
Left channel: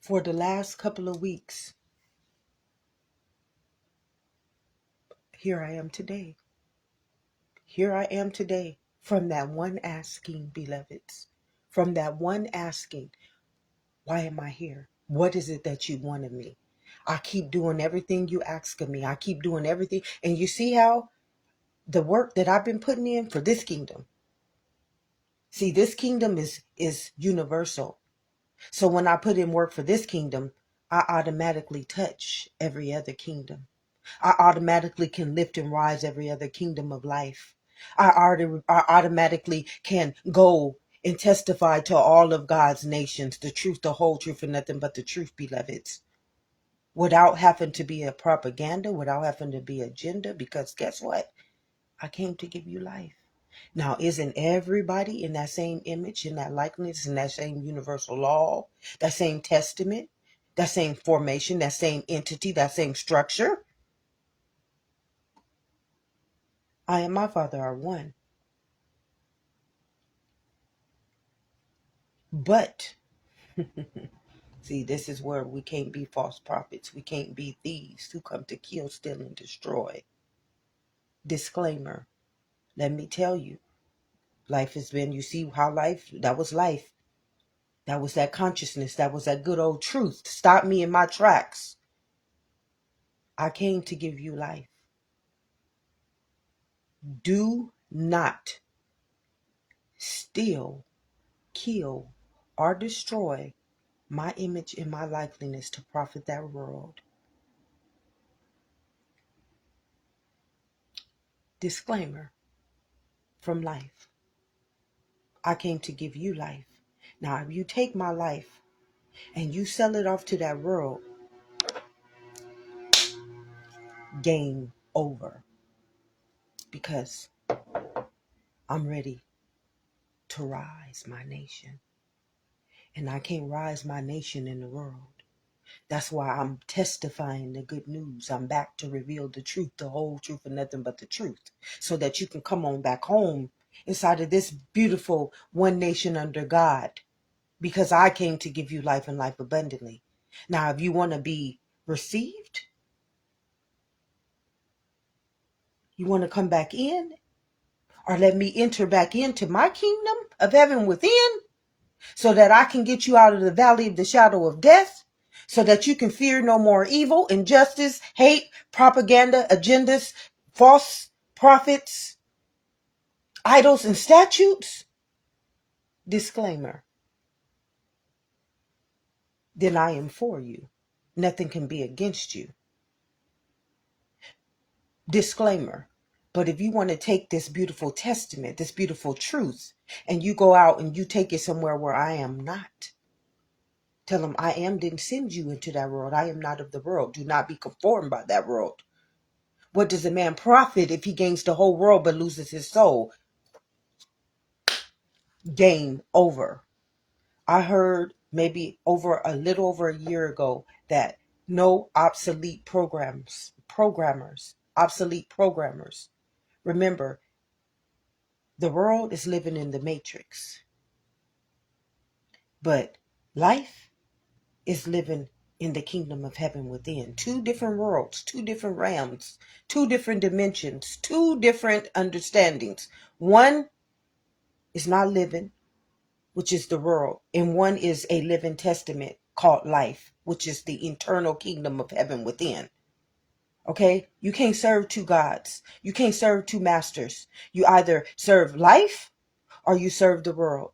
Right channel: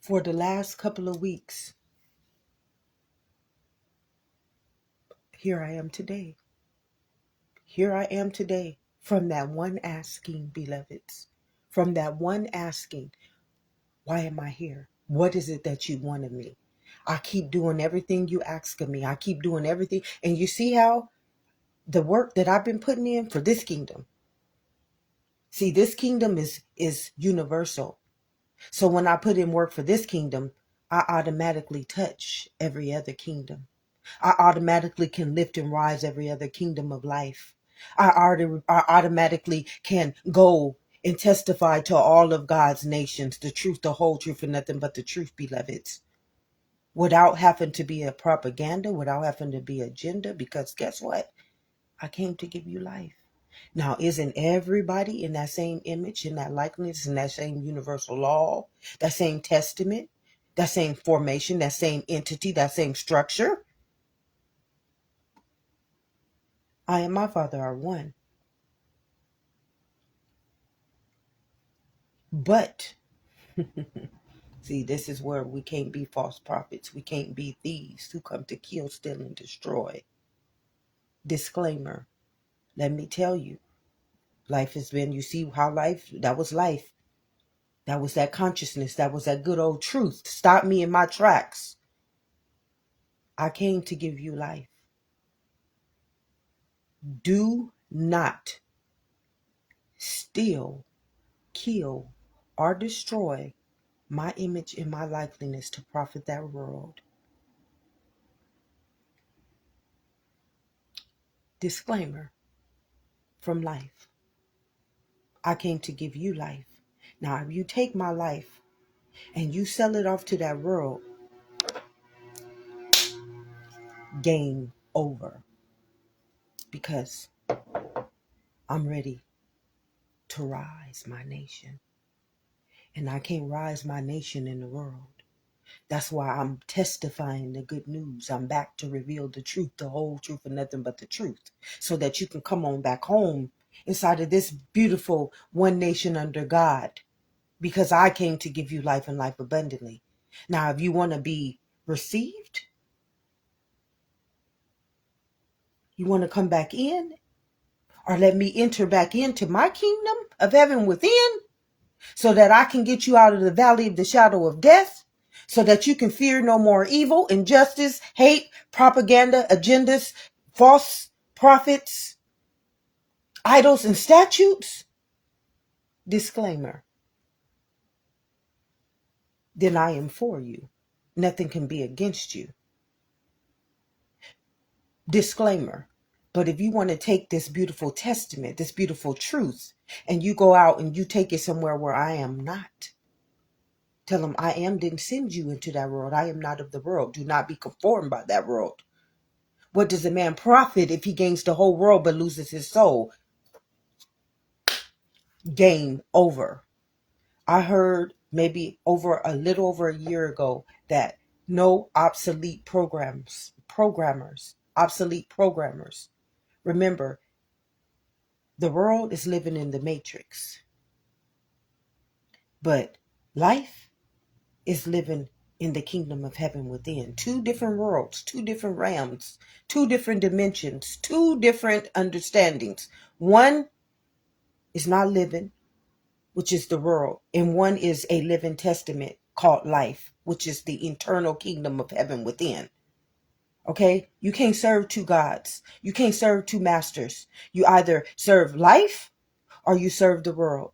For the last couple of weeks, here I am today. Here I am today from that one asking, beloveds. From that one asking, why am I here? What is it that you want of me? I keep doing everything you ask of me. I keep doing everything. And you see how the work that I've been putting in for this kingdom. See, this kingdom is universal. So when I put in work for this kingdom, I automatically touch every other kingdom. I automatically can lift and rise every other kingdom of life. I automatically can go and testify to all of God's nations, the truth, the whole truth, and nothing but the truth, beloveds. Without having to be a propaganda, without having to be agenda, because guess what? I came to give you life. Now, isn't everybody in that same image, in that likeness, in that same universal law, that same testament? that same formation, that same entity, that same structure. I and my Father are one. But, see, this is where we can't be false prophets. We can't be thieves who come to kill, steal, and destroy. Disclaimer. Let me tell you, life has been, you see how that was life. That was that consciousness. That was that good old truth. Stop me in my tracks. I came to give you life. Do not steal, kill, or destroy my image and my likeness to profit that world. Disclaimer from life. I came to give you life. Now, if you take my life and you sell it off to that world, game over. Because I'm ready to rise my nation. And I can't rise my nation in the world. That's why I'm testifying the good news. I'm back to reveal the truth, the whole truth, and nothing but the truth. So that you can come on back home inside of this beautiful one nation under God. Because I came to give you life and life abundantly. Now, if you want to be received, you want to come back in, or let me enter back into my kingdom of heaven within, so that I can get you out of the valley of the shadow of death, so that you can fear no more evil, injustice, hate, propaganda, agendas, false prophets, idols, and statutes. Disclaimer. Then I am for you. Nothing can be against you. Disclaimer. But if you want to take this beautiful testament, this beautiful truth, and you go out and you take it somewhere where I am not, tell them I didn't send you into that world. I am not of the world. Do not be conformed by that world. What does a man profit if he gains the whole world but loses his soul? Game over. I heard maybe a little over a year ago that no obsolete obsolete programmers. Remember, the world is living in the matrix, but life is living in the kingdom of heaven within. Two different worlds, two different realms, two different dimensions, two different understandings. One is not living, which is the world, and one is a living testament called life, which is the eternal kingdom of heaven within. Okay? You can't serve two gods. You can't serve two masters. You either serve life or you serve the world.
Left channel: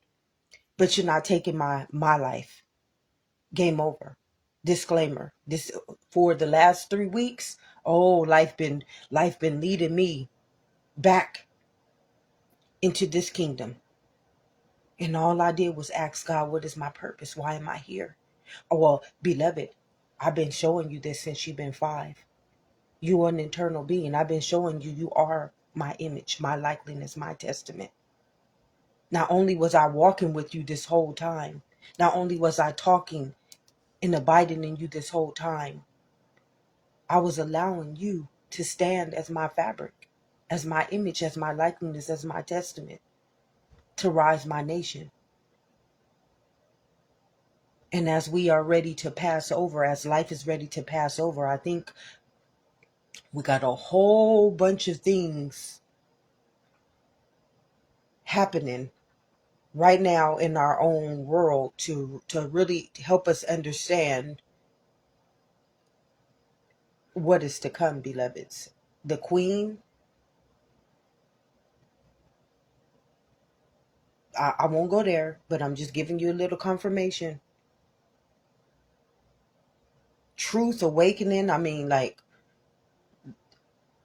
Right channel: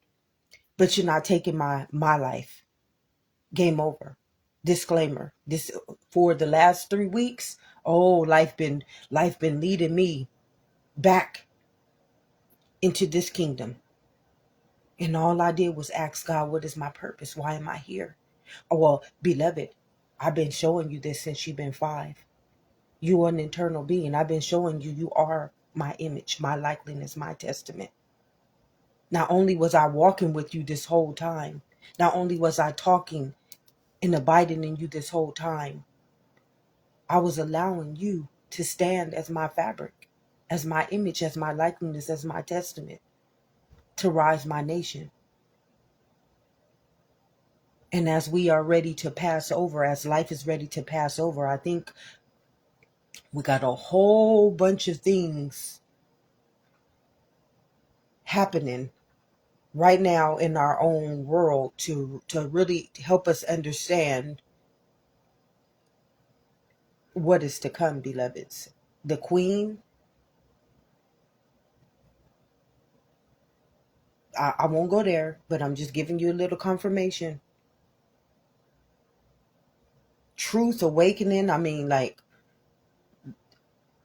But you're not taking my life. Game over. Disclaimer. This for the last 3 weeks. Oh, life been leading me back into this kingdom. And all I did was ask God, what is my purpose? Why am I here? Oh, well, beloved, I've been showing you this since you've been 5. You are an eternal being. I've been showing you, you are my image, my likeness, my testament. Not only was I walking with you this whole time, not only was I talking and abiding in you this whole time, I was allowing you to stand as my fabric, as my image, as my likeness, as my testament, to rise my nation. And as we are ready to pass over, as life is ready to pass over, I think we got a whole bunch of things happening right now in our own world to really help us understand what is to come, beloveds. The Queen, I won't go there, but I'm just giving you a little confirmation. Truth awakening, I mean, like,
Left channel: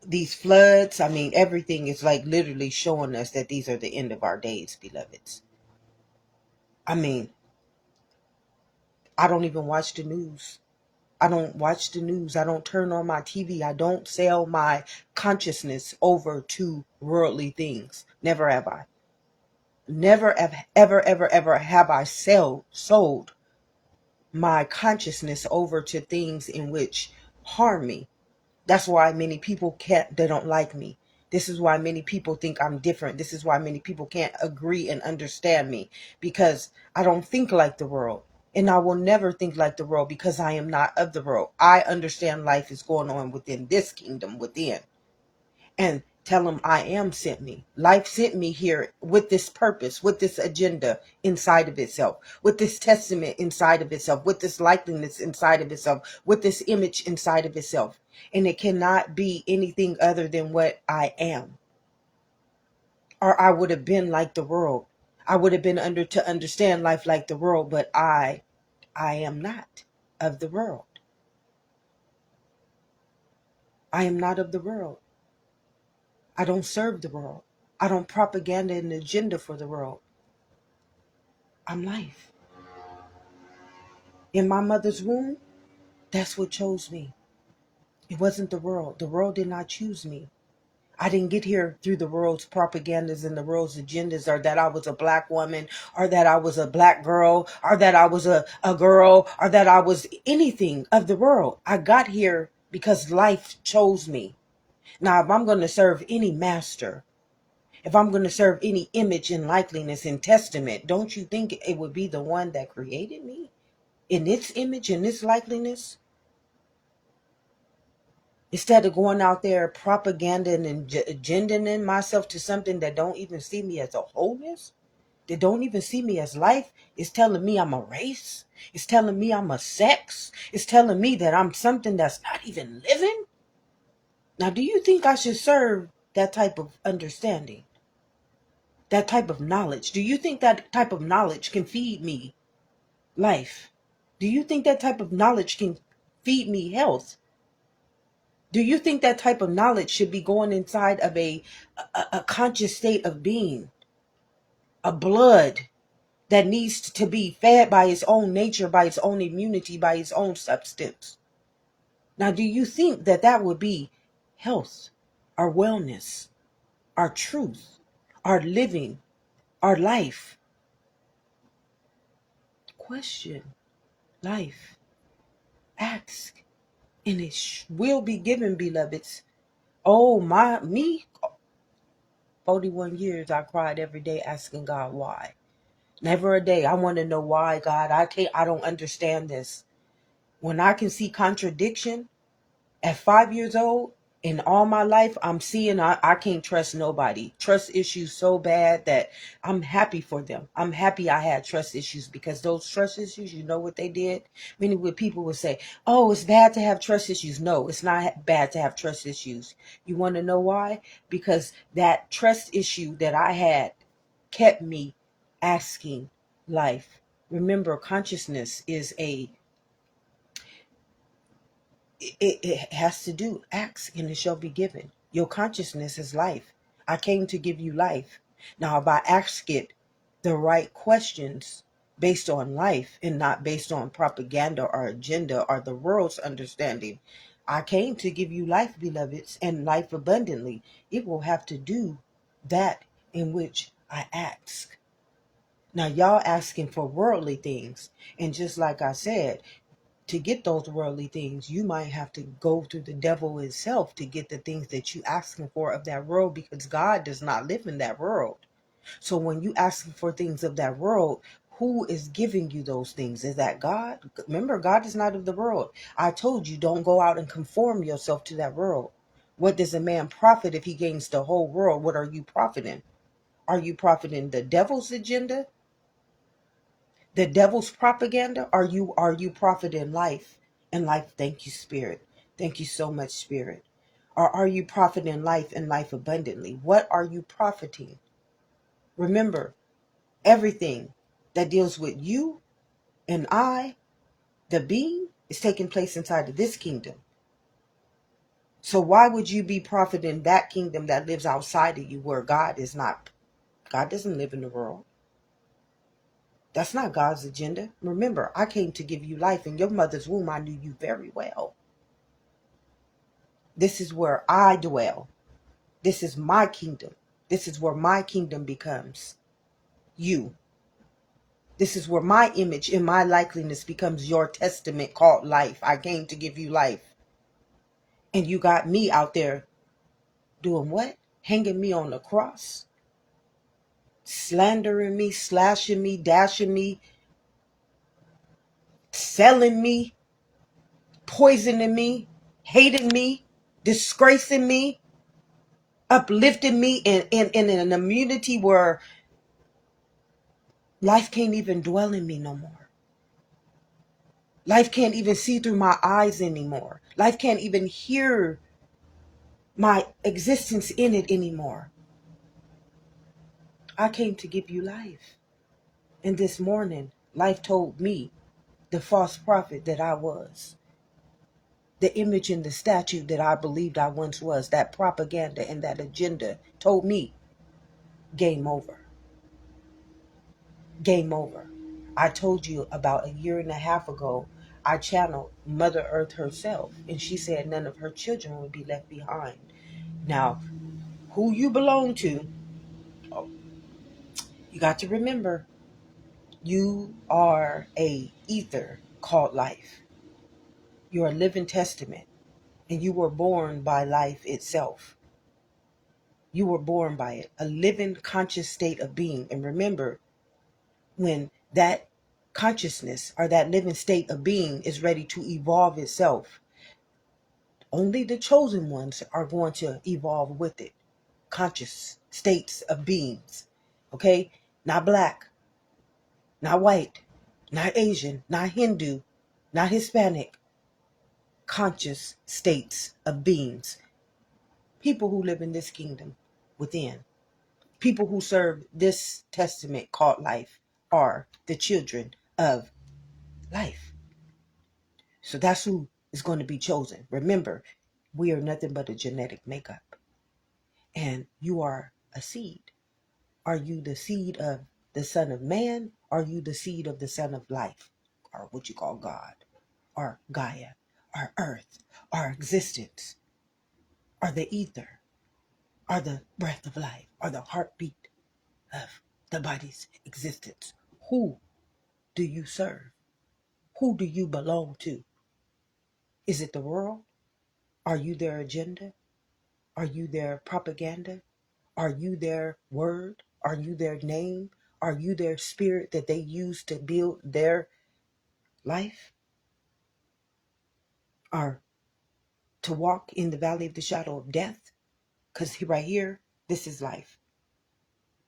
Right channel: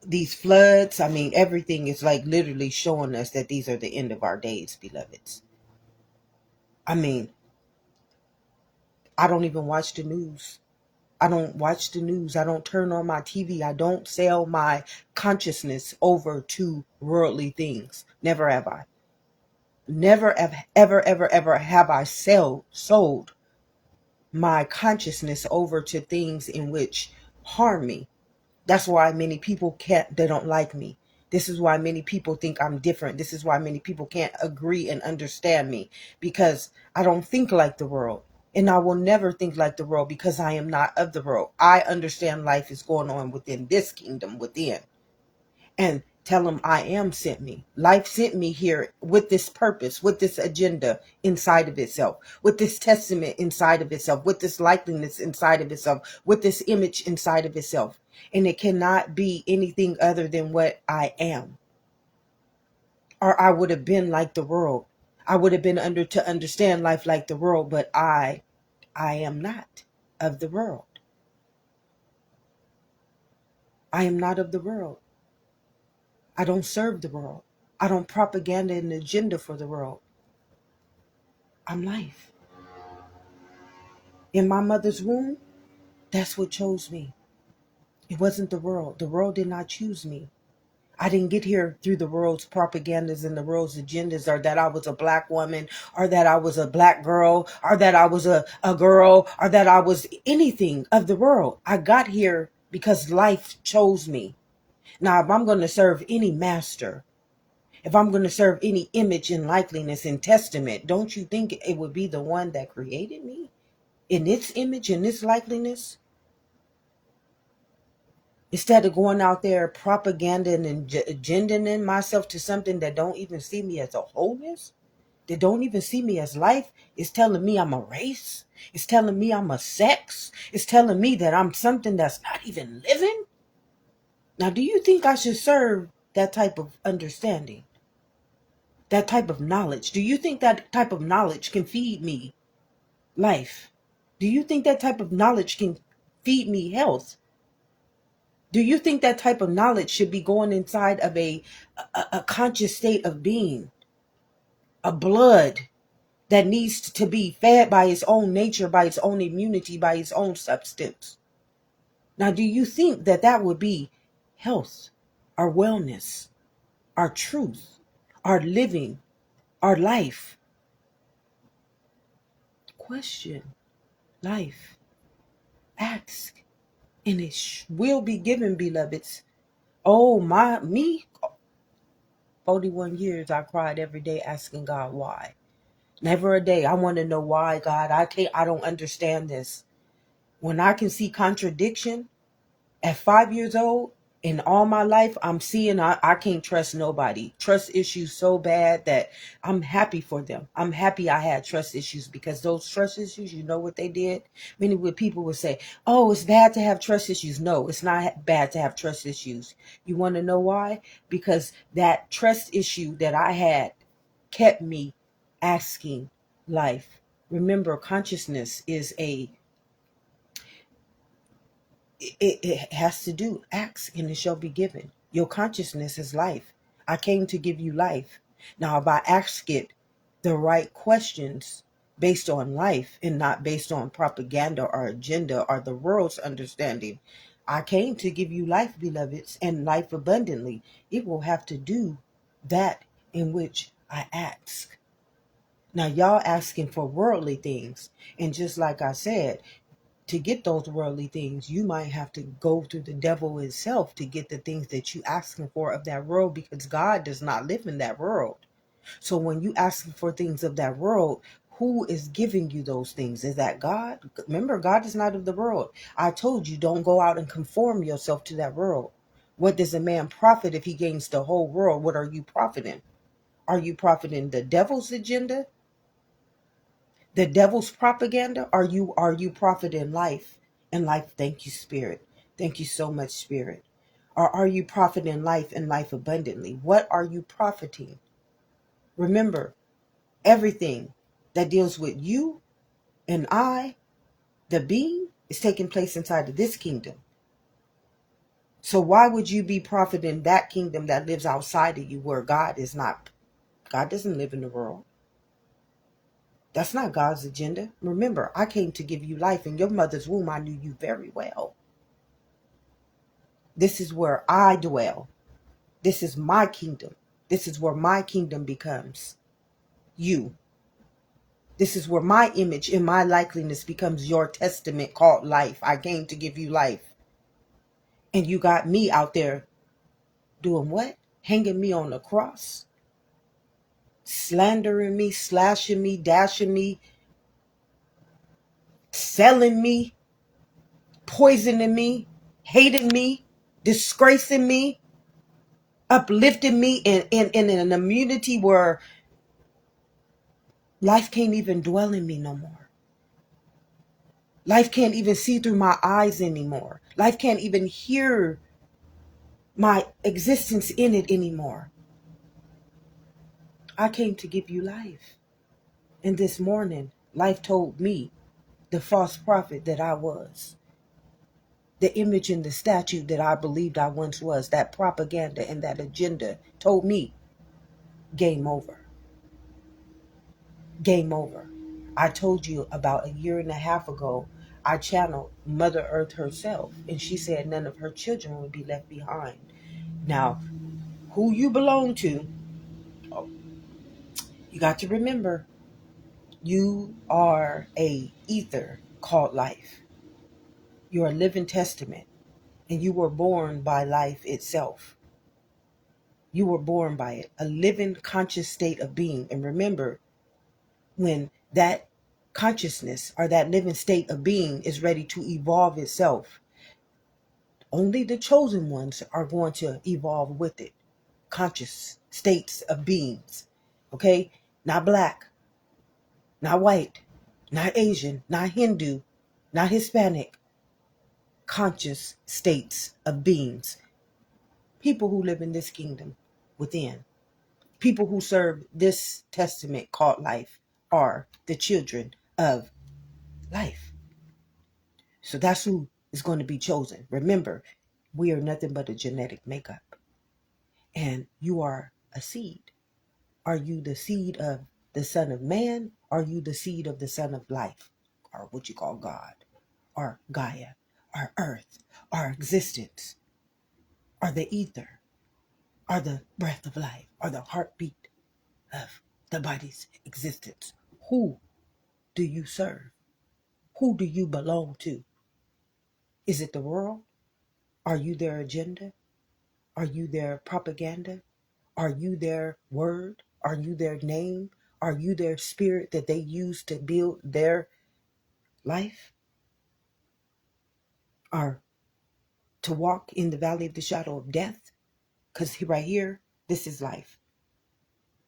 these floods, I mean, everything is like literally showing us that these are the end of our days, beloveds. I mean, I don't even watch the news. I don't watch the news. I don't turn on my TV. I don't sell my consciousness over to worldly things. Never have I. Never, ever have I sold my consciousness over to things in which harm me. That's why many people they don't like me. This is why many people think I'm different. This is why many people can't agree and understand me, because I don't think like the world. And I will never think like the world, because I am not of the world. I understand life is going on within this kingdom within. And tell them I am sent me. Life sent me here with this purpose, with this agenda inside of itself, with this testament inside of itself, with this likeness inside of itself, with this image inside of itself. And it cannot be anything other than what I am. Or I would have been like the world. I would have been to understand life like the world, but I am not of the world. I am not of the world. I don't serve the world. I don't propaganda an agenda for the world. I'm life. In my mother's womb, that's what chose me. It wasn't the world. The world did not choose me. I didn't get here through the world's propagandas and the world's agendas, or that I was a black woman, or that I was a black girl, or that I was a girl, or that I was anything of the world. I got here because life chose me. Now, if I'm going to serve any master, if I'm going to serve any image and likeliness and testament, don't you think it would be the one that created me in its image and its likeliness? Instead of going out there propaganding and agendaing myself to something that don't even see me as a wholeness, that don't even see me as life, it's telling me I'm a race. It's telling me I'm a sex. It's telling me that I'm something that's not even living. Now, do you think I should serve that type of understanding? That type of knowledge? Do you think that type of knowledge can feed me life? Do you think that type of knowledge can feed me health? Do you think that type of knowledge should be going inside of a conscious state of being? A blood that needs to be fed by its own nature, by its own immunity, by its own substance. Now, do you think that that would be health, our wellness, our truth, our living, our life? Question. Life. Ask. And it will be given, beloveds. Oh, me, 41 years I cried every day asking God why. Never a day. I want to know why, God. I don't understand this. When I can see contradiction at 5 years old, in all my life, I'm seeing I can't trust nobody. Trust issues so bad that I'm happy for them. I'm happy I had trust issues, because those trust issues, you know what they did? Many people would say, oh, it's bad to have trust issues. No, it's not bad to have trust issues. You want to know why? Because that trust issue that I had kept me asking life. Remember, consciousness is it has to do, ask and it shall be given. Your consciousness is life. I came to give you life. Now, if I ask it the right questions based on life and not based on propaganda or agenda or the world's understanding, I came to give you life, beloveds, and life abundantly. It will have to do that in which I ask. Now, y'all asking for worldly things. And just like I said, to get those worldly things, you might have to go through the devil itself to get the things that you asking for of that world, because God does not live in that world. So when you asking for things of that world, who is giving you those things? Is that God? Remember, God is not of the world. I told you, don't go out and conform yourself to that world. What does a man profit if he gains the whole world? What are you profiting? Are you profiting the devil's agenda? The devil's propaganda? Are you profiting life? And life, thank you, Spirit. Thank you so much, Spirit. Or are you profiting life and life abundantly? What are you profiting? Remember, everything that deals with you and I, the being, is taking place inside of this kingdom. So why would you be profiting that kingdom that lives outside of you, where God is not? God doesn't live in the world. That's not God's agenda. Remember, I came to give you life. In your mother's womb, I knew you very well. This is where I dwell. This is my kingdom. This is where my kingdom becomes you. This is where my image and my likeliness becomes your testament called life. I came to give you life. And you got me out there doing what? Hanging me on the cross, slandering me, slashing me, dashing me, selling me, poisoning me, hating me, disgracing me, uplifting me in an immunity where life can't even dwell in me no more. Life can't even see through my eyes anymore. Life can't even hear my existence in it anymore. I came to give you life. And this morning, life told me, the false prophet that I was, the image and the statue that I believed I once was, that propaganda and that agenda told me, game over. Game over. I told you about a year and a half ago, I channeled Mother Earth herself, and she said none of her children would be left behind. Now, who you belong to, you got to remember, you are a ether called life. You're a living testament, and you were born by life itself. You were born by it, a living conscious state of being. And remember, when that consciousness or that living state of being is ready to evolve itself, only the chosen ones are going to evolve with it. Conscious states of beings. Okay? Not black, not white, not Asian, not Hindu, not Hispanic. Conscious states of beings. People who live in this kingdom within. People who serve this testament called life are the children of life. So that's who is going to be chosen. Remember, we are nothing but a genetic makeup. And you are a seed. Are you the seed of the Son of Man? Are you the seed of the Son of Life? Or what you call God? Or Gaia? Or Earth? Or existence? Or the ether? Or the breath of life? Or the heartbeat of the body's existence? Who do you serve? Who do you belong to? Is it the world? Are you their agenda? Are you their propaganda? Are you their word? Are you their name? Are you their spirit that they use to build their life? Or to walk in the valley of the shadow of death? Because right here, this is life.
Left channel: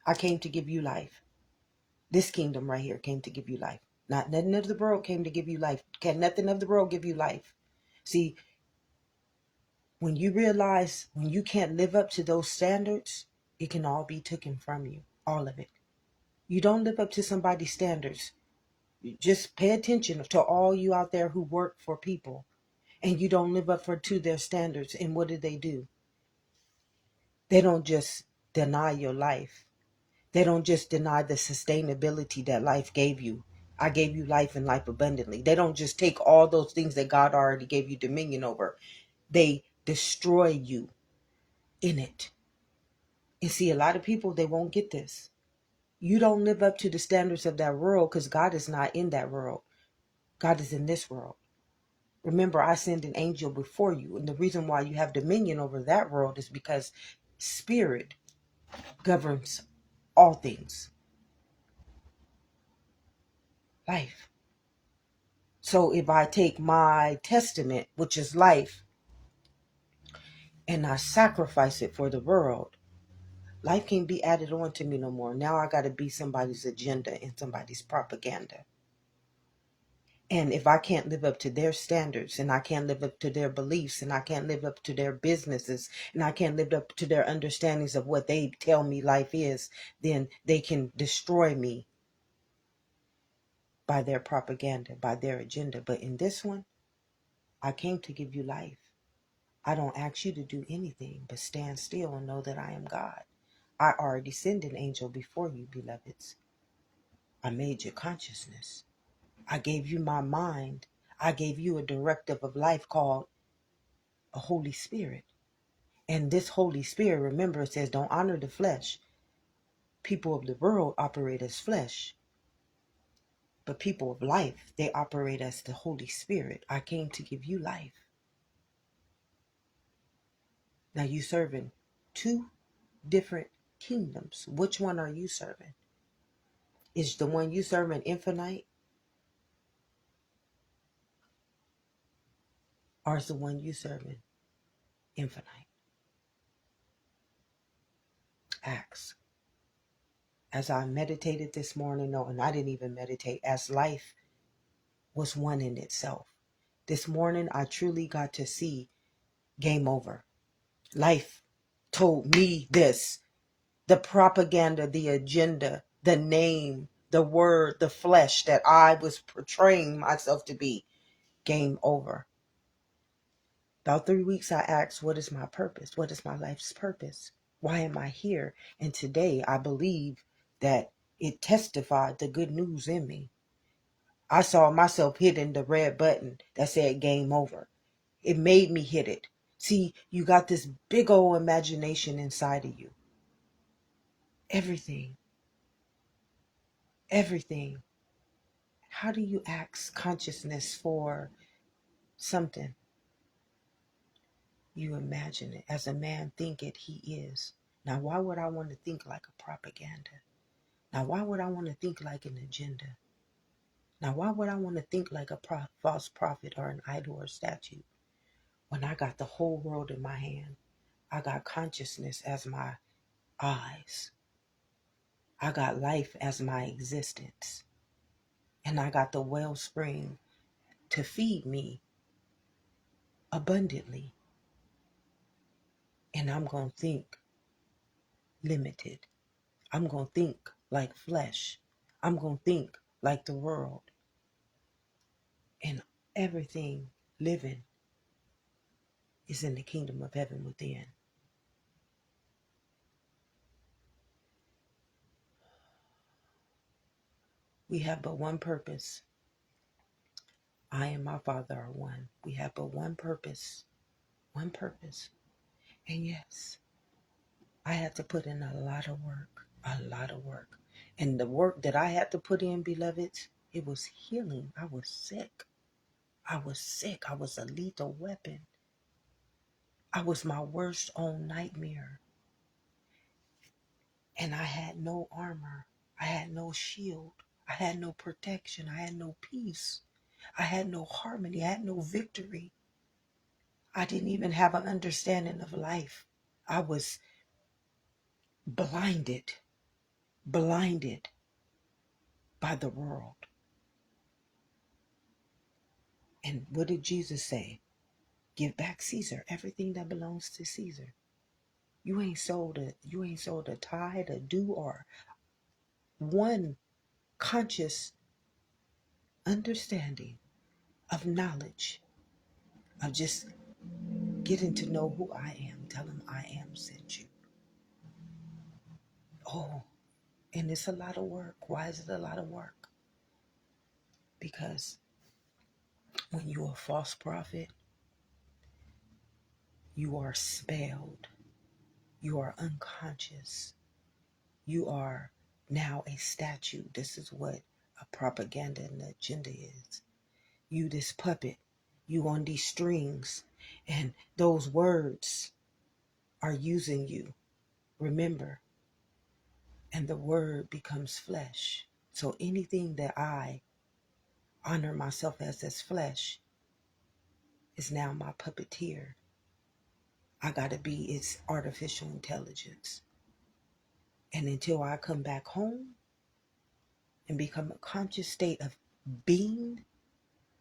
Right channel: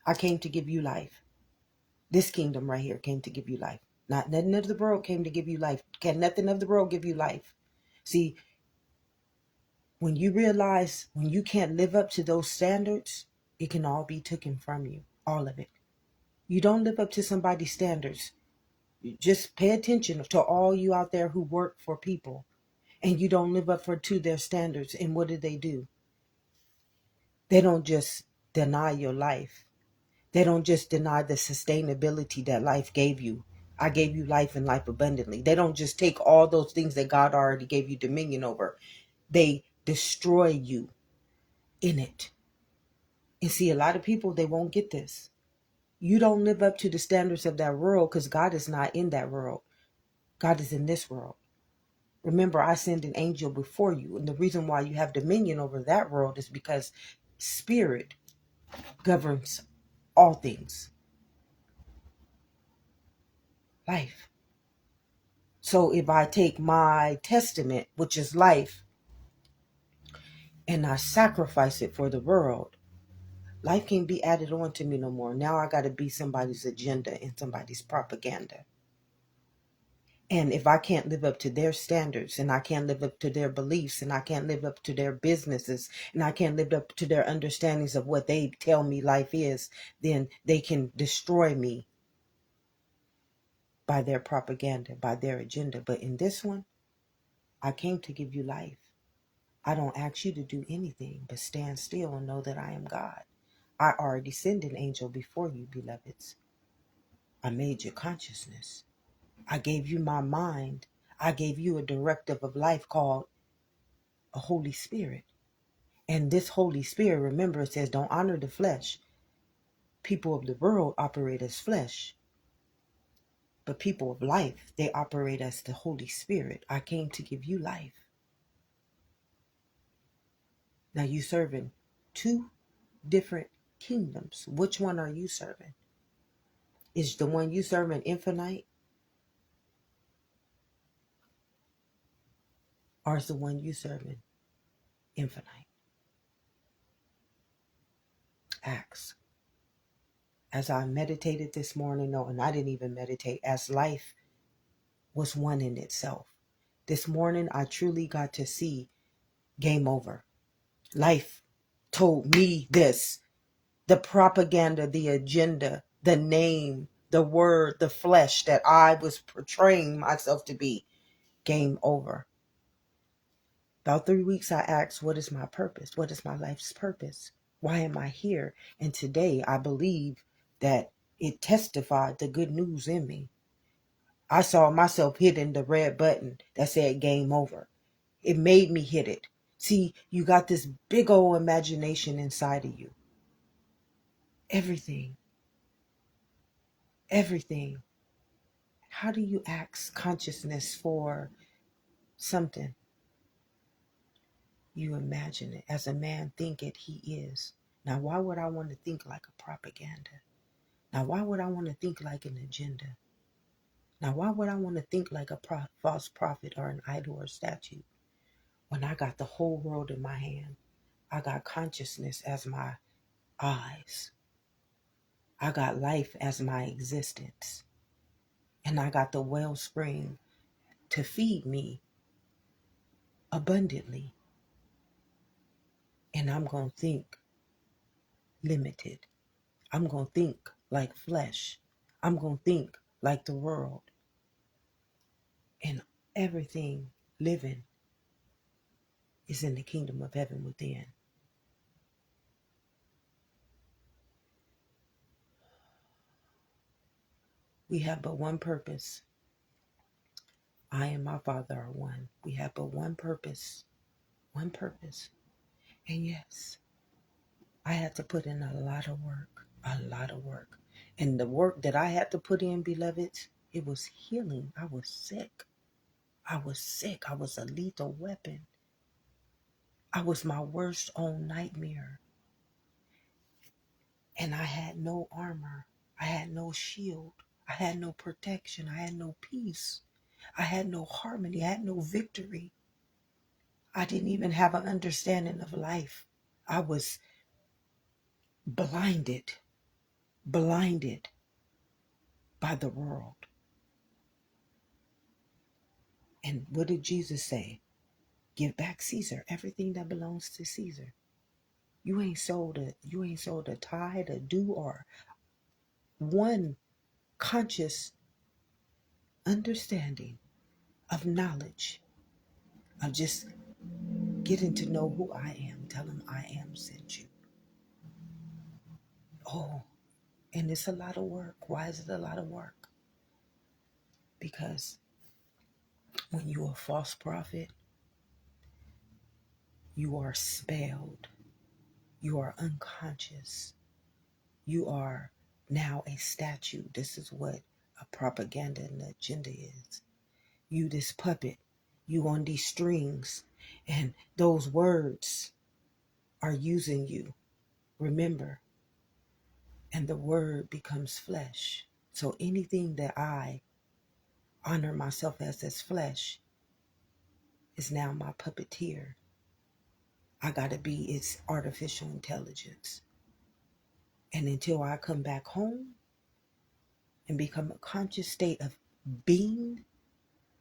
I came to give you life. This kingdom right here came to give you life. Not nothing of the world came to give you life. Can nothing of the world give you life? See, when you realize when you can't live up to those standards, it can all be taken from you. All of it. You don't live up to somebody's standards. Just pay attention to all you out there who work for people and you don't live up to their standards. And what do? They don't just deny your life. They don't just deny the sustainability that life gave you. I gave you life and life abundantly. They don't just take all those things that God already gave you dominion over. They destroy you in it. And see, a lot of people, they won't get this. You don't live up to the standards of that world because God is not in that world. God is in this world. Remember, I send an angel before you. And the reason why you have dominion over that world is because spirit governs all things. Life. So if I take my testament, which is life, and I sacrifice it for the world, life can't be added on to me no more. Now I got to be somebody's agenda and somebody's propaganda. And if I can't live up to their standards and I can't live up to their beliefs and I can't live up to their businesses and I can't live up to their understandings of what they tell me life is, then they can destroy me by their propaganda, by their agenda. But in this one, I came to give you life. I don't ask you to do anything but stand still and know that I am God. I already sent an angel before you, beloveds. I made your consciousness. I gave you my mind. I gave you a directive of life called a Holy Spirit. And this Holy Spirit, remember, it says don't honor the flesh. People of the world operate as flesh. But people of life, they operate as the Holy Spirit. I came to give you life. Now you serving two different kingdoms. Which one are you serving? Is the one you serving infinite? Or is the one you serving infinite? Ask. As I meditated this morning, no, and I didn't even meditate, as life was one in itself. This morning, I truly got to see game over. Life told me this. The propaganda, the agenda, the name, the word, the flesh that I was portraying myself to be, game over. About 3 weeks, I asked, what is my purpose? What is my life's purpose? Why am I here? And today, I believe that it testified the good news in me. I saw myself hitting the red button that said game over. It made me hit it. See, you got this big old imagination inside of you. Everything. How do you ask consciousness for something? You imagine it. As a man thinketh, he is. Now, why would I want to think like a propaganda? Now, why would I want to think like an agenda? Now, why would I want to think like a false prophet or an idol or statue when I got the whole world in my hand? I got consciousness as my eyes. I got life as my existence. And I got the wellspring to feed me abundantly. And I'm going to think limited. I'm going to think like flesh. I'm going to think like the world. And everything living is in the kingdom of heaven within. We have but one purpose. I and my Father are one. We have but one purpose. One purpose. And yes, I had to put in a lot of work. A lot of work. And the work that I had to put in, beloveds, it was healing. I was sick. I was a lethal weapon. I was my worst own nightmare. And I had no armor. I had no shield. I had no protection. I had no peace. I had no harmony. I had no victory. I didn't even have an understanding of life. I was blinded by the world. And what did Jesus say? Give back Caesar everything that belongs to Caesar. You ain't sold a tithe, a due, or one conscious understanding of knowledge of just getting to know who I am. Tell him I am sent you. Oh, and it's a lot of work. Why is it a lot of work? Because when you're a false prophet, you are spelled. You are unconscious. You are now a statue. This is what a propaganda and agenda is. You this puppet. You on these strings. And those words are using you. Remember. And the word becomes flesh. So anything that I honor myself as flesh is now my puppeteer. I gotta be its artificial intelligence. And until I come back home and become a conscious state of being,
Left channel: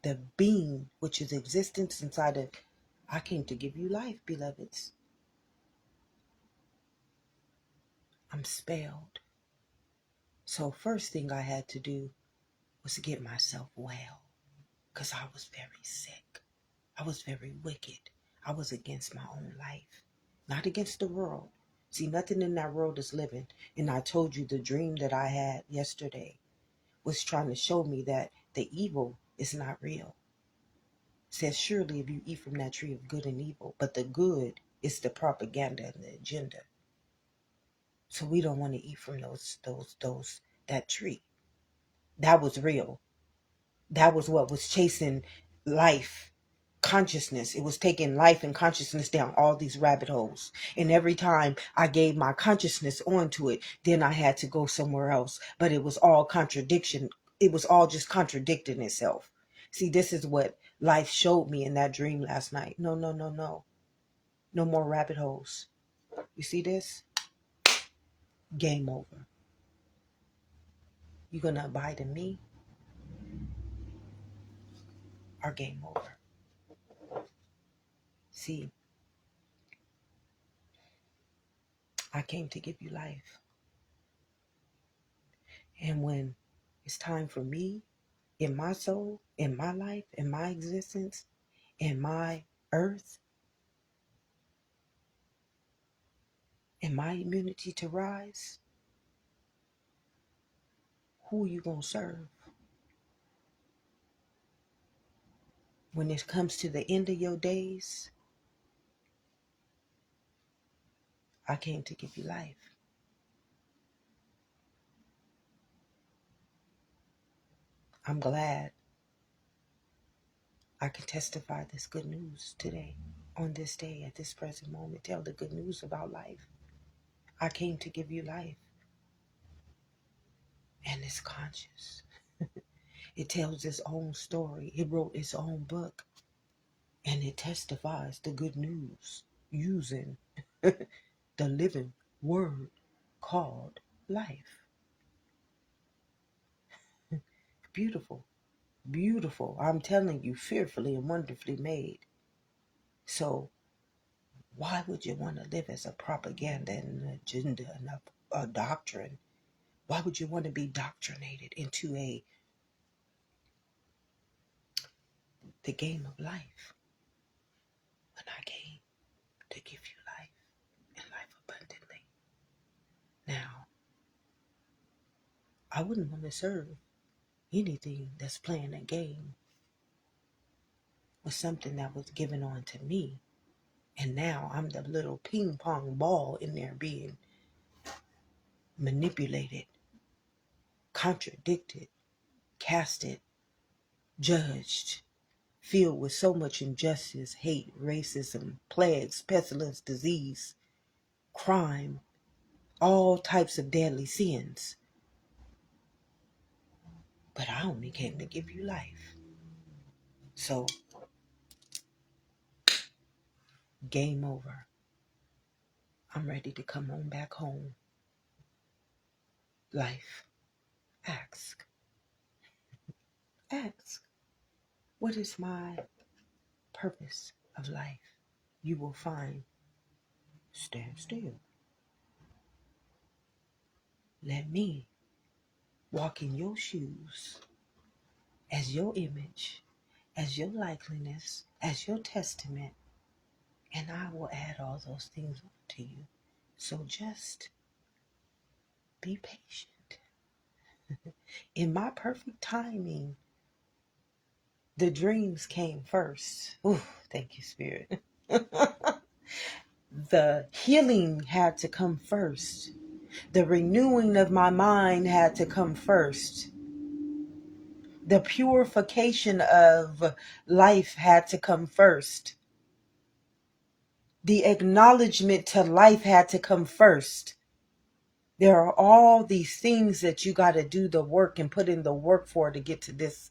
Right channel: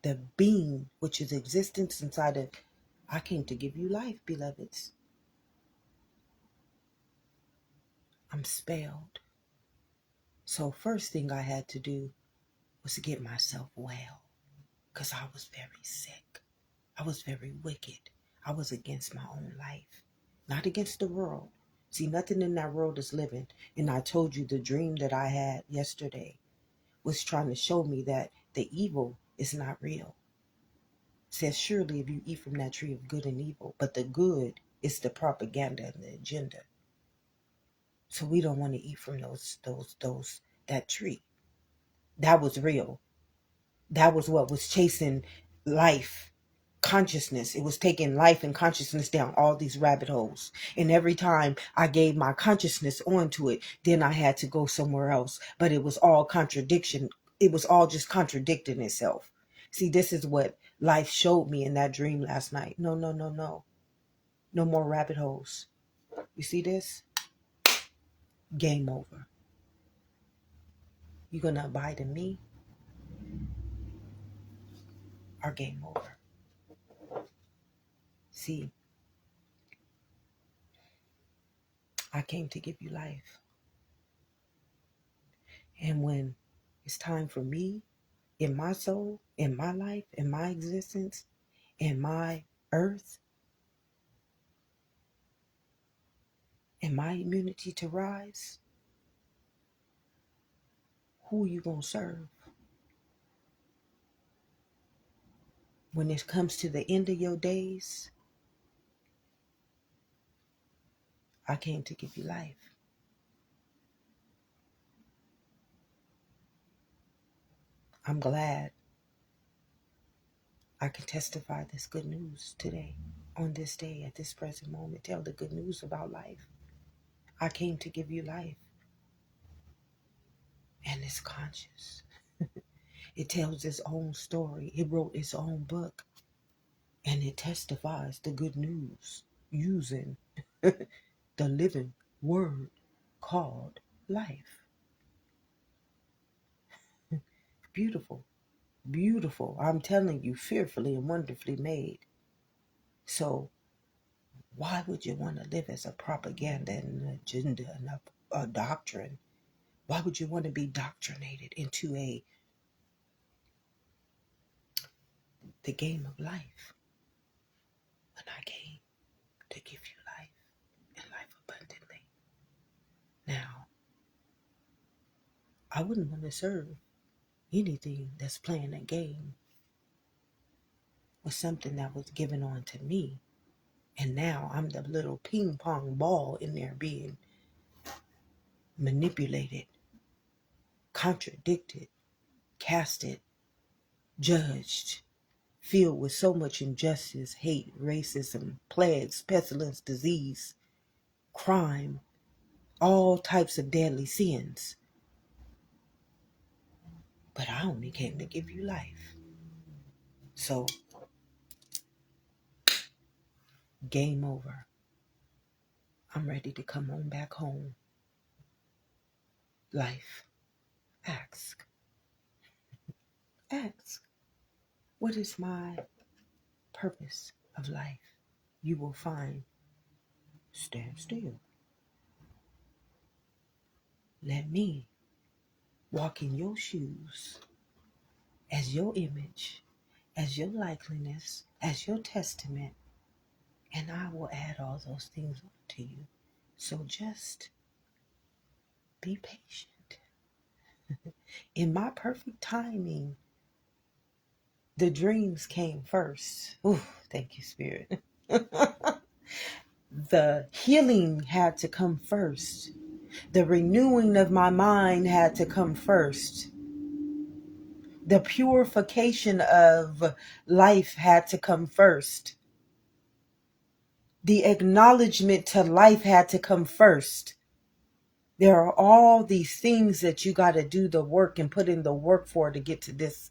the being which is existence inside of, I came to give you life, beloveds. I'm spelled. So first thing I had to do was to get myself well, because I was very sick. I was very wicked. I was against my own life, not against the world. See, nothing in that world is living. And I told you the dream that I had yesterday was trying to show me that the evil is not real. It says, surely if you eat from that tree of good and evil, but the good is the propaganda and the agenda. So we don't want to eat from that tree. That was real. That was what was chasing life, consciousness. It was taking life and consciousness down all these rabbit holes. And every time I gave my consciousness onto it, then I had to go somewhere else. But it was all contradiction. It was all just contradicting itself. See, this is what life showed me in that dream last night. No, no, no, no. No more rabbit holes. You see this? Game over. You gonna abide in me or game over? See, I came to give you life. And when it's time for me, in my soul, in my life, in my existence, in my earth, in my immunity to rise, who are you gonna serve? When it comes to the end of your days, I came to give you life. I'm glad I can testify this good news today, on this day, at this present moment. Tell the good news about life. I came to give you life. And it's conscious. It tells its own story. It wrote its own book. And it testifies the good news using the living word called life. Beautiful. Beautiful. I'm telling you, fearfully and wonderfully made. So why would you want to live as a propaganda and an agenda and a doctrine? Why would you want to be doctrinated into the game of life when I came to give you life and life abundantly? Now, I wouldn't want to serve anything that's playing a game with something that was given on to me. And now I'm the little ping pong ball in there being manipulated, contradicted, casted, judged, filled with so much injustice, hate, racism, plagues, pestilence, disease, crime, all types of deadly sins. But I only came to give you life. So, game over. I'm ready to come on back home. Life. Ask. Ask. What is my purpose of life? You will find, stand still. Let me walk in your shoes as your image, as your likeliness, as your testament, and I will add all those things to you. So just be patient. In my perfect timing, the dreams came first. Ooh, thank you, Spirit. The healing had to come first. The renewing of my mind had to come first. The purification of life had to come first. The acknowledgement to life had to come first. There are all these things that you got to do the work and put in the work for to get to this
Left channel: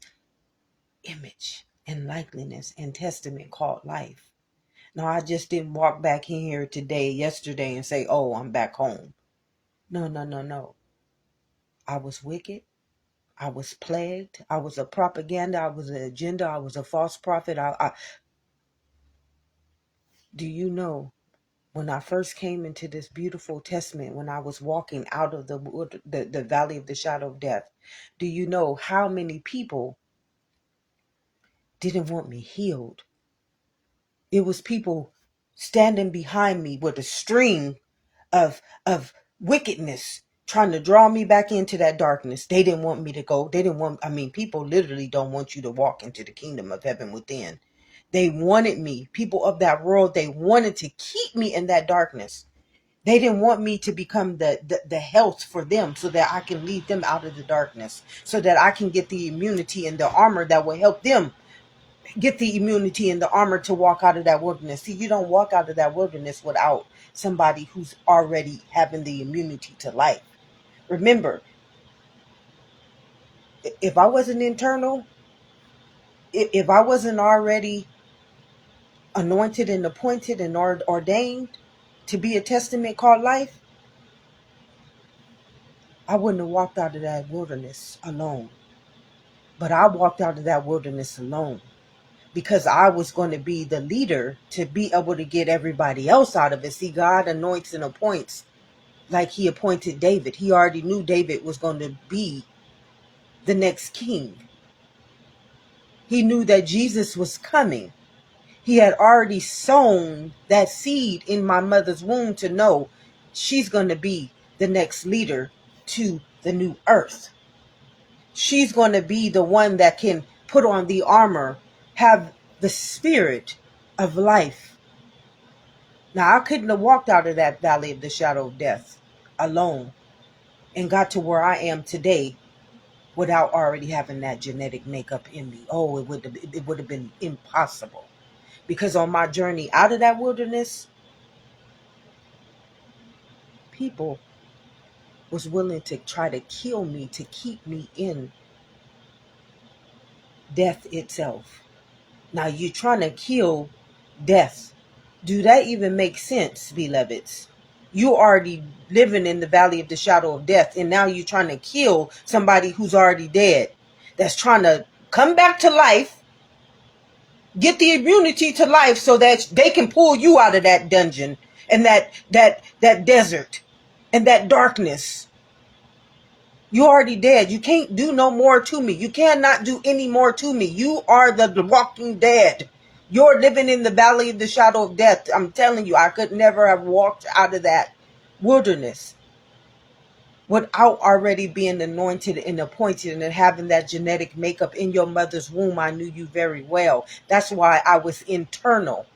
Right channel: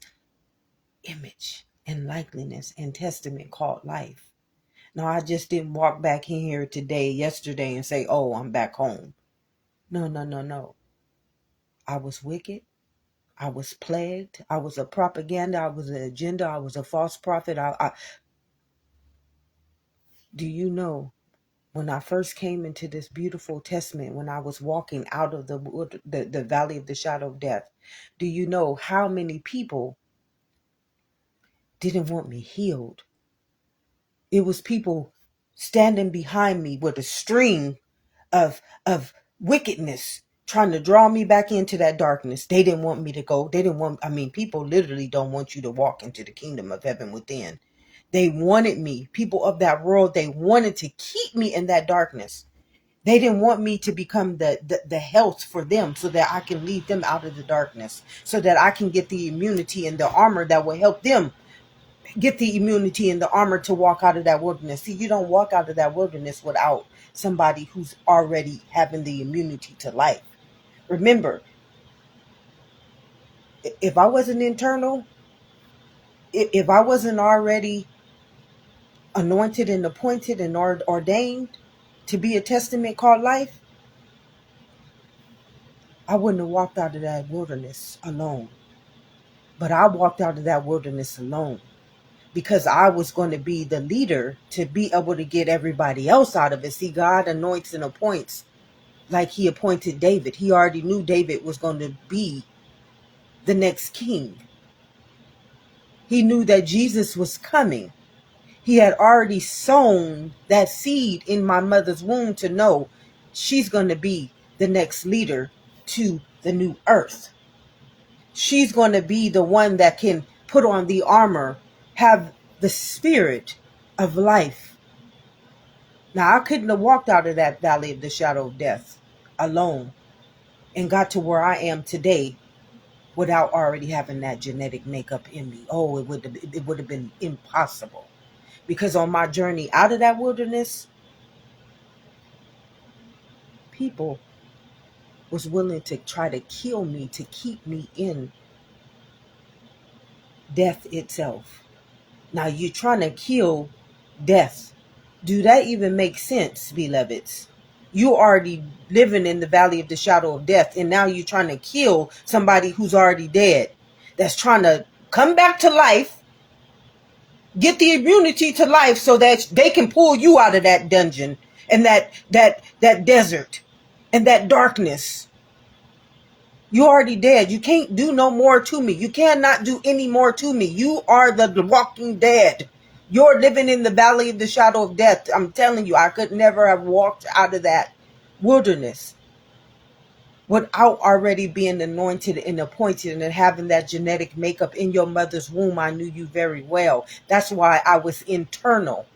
image and likeliness and testament called life. Now, I just didn't walk back in here yesterday, and say, oh, I'm back home. No, no, no, no. I was wicked. I was plagued. I was a propaganda. I was an agenda. I was a false prophet. Do you know, when I first came into this beautiful testament, when I was walking out of the valley of the shadow of death, do you know how many people didn't want me healed? It was people standing behind me with a string of wickedness, trying to draw me back into that darkness. They didn't want me to go. People literally don't want you to walk into the kingdom of heaven within. They wanted me, people of that world, they wanted to keep me in that darkness. They didn't want me to become the health for them so that I can lead them out of the darkness, so that I can get the immunity and the armor that will help them get the immunity and the armor to walk out of that wilderness. See, you don't walk out of that wilderness without somebody who's already having the immunity to life. Remember, if I wasn't internal, if I wasn't already anointed and appointed and ordained to be a testament called life, I wouldn't have walked out of that wilderness alone. But I walked out of that wilderness alone because I was going to be the leader to be able to get everybody else out of it. See, God anoints and appoints like he appointed David. He already knew David was going to be the next king. He knew that Jesus was coming. He had already sown that seed in my mother's womb to know she's going to be the next leader to the new earth. She's going to be the one that can put on the armor, have the spirit of life. Now, I couldn't have walked out of that valley of the shadow of death alone and got to where I am today without already having that genetic makeup in me. Oh, it would have been impossible. Because on my journey out of that wilderness, people was willing to try to kill me, to keep me in death itself. Now, you're trying to kill death. Do that even make sense, beloveds? You already living in the valley of the shadow of death, and now you're trying to kill somebody who's already dead, that's trying to come back to life, get the immunity to life so that they can pull you out of that dungeon and that desert and that darkness. You're already dead. You can't do no more to me. You cannot do any more to me. You are the walking dead. You're living in the valley of the shadow of death. I'm telling you, I could never have walked out of that wilderness without already being anointed and appointed and having that genetic makeup in your mother's womb. I knew you very well. That's why I was internal.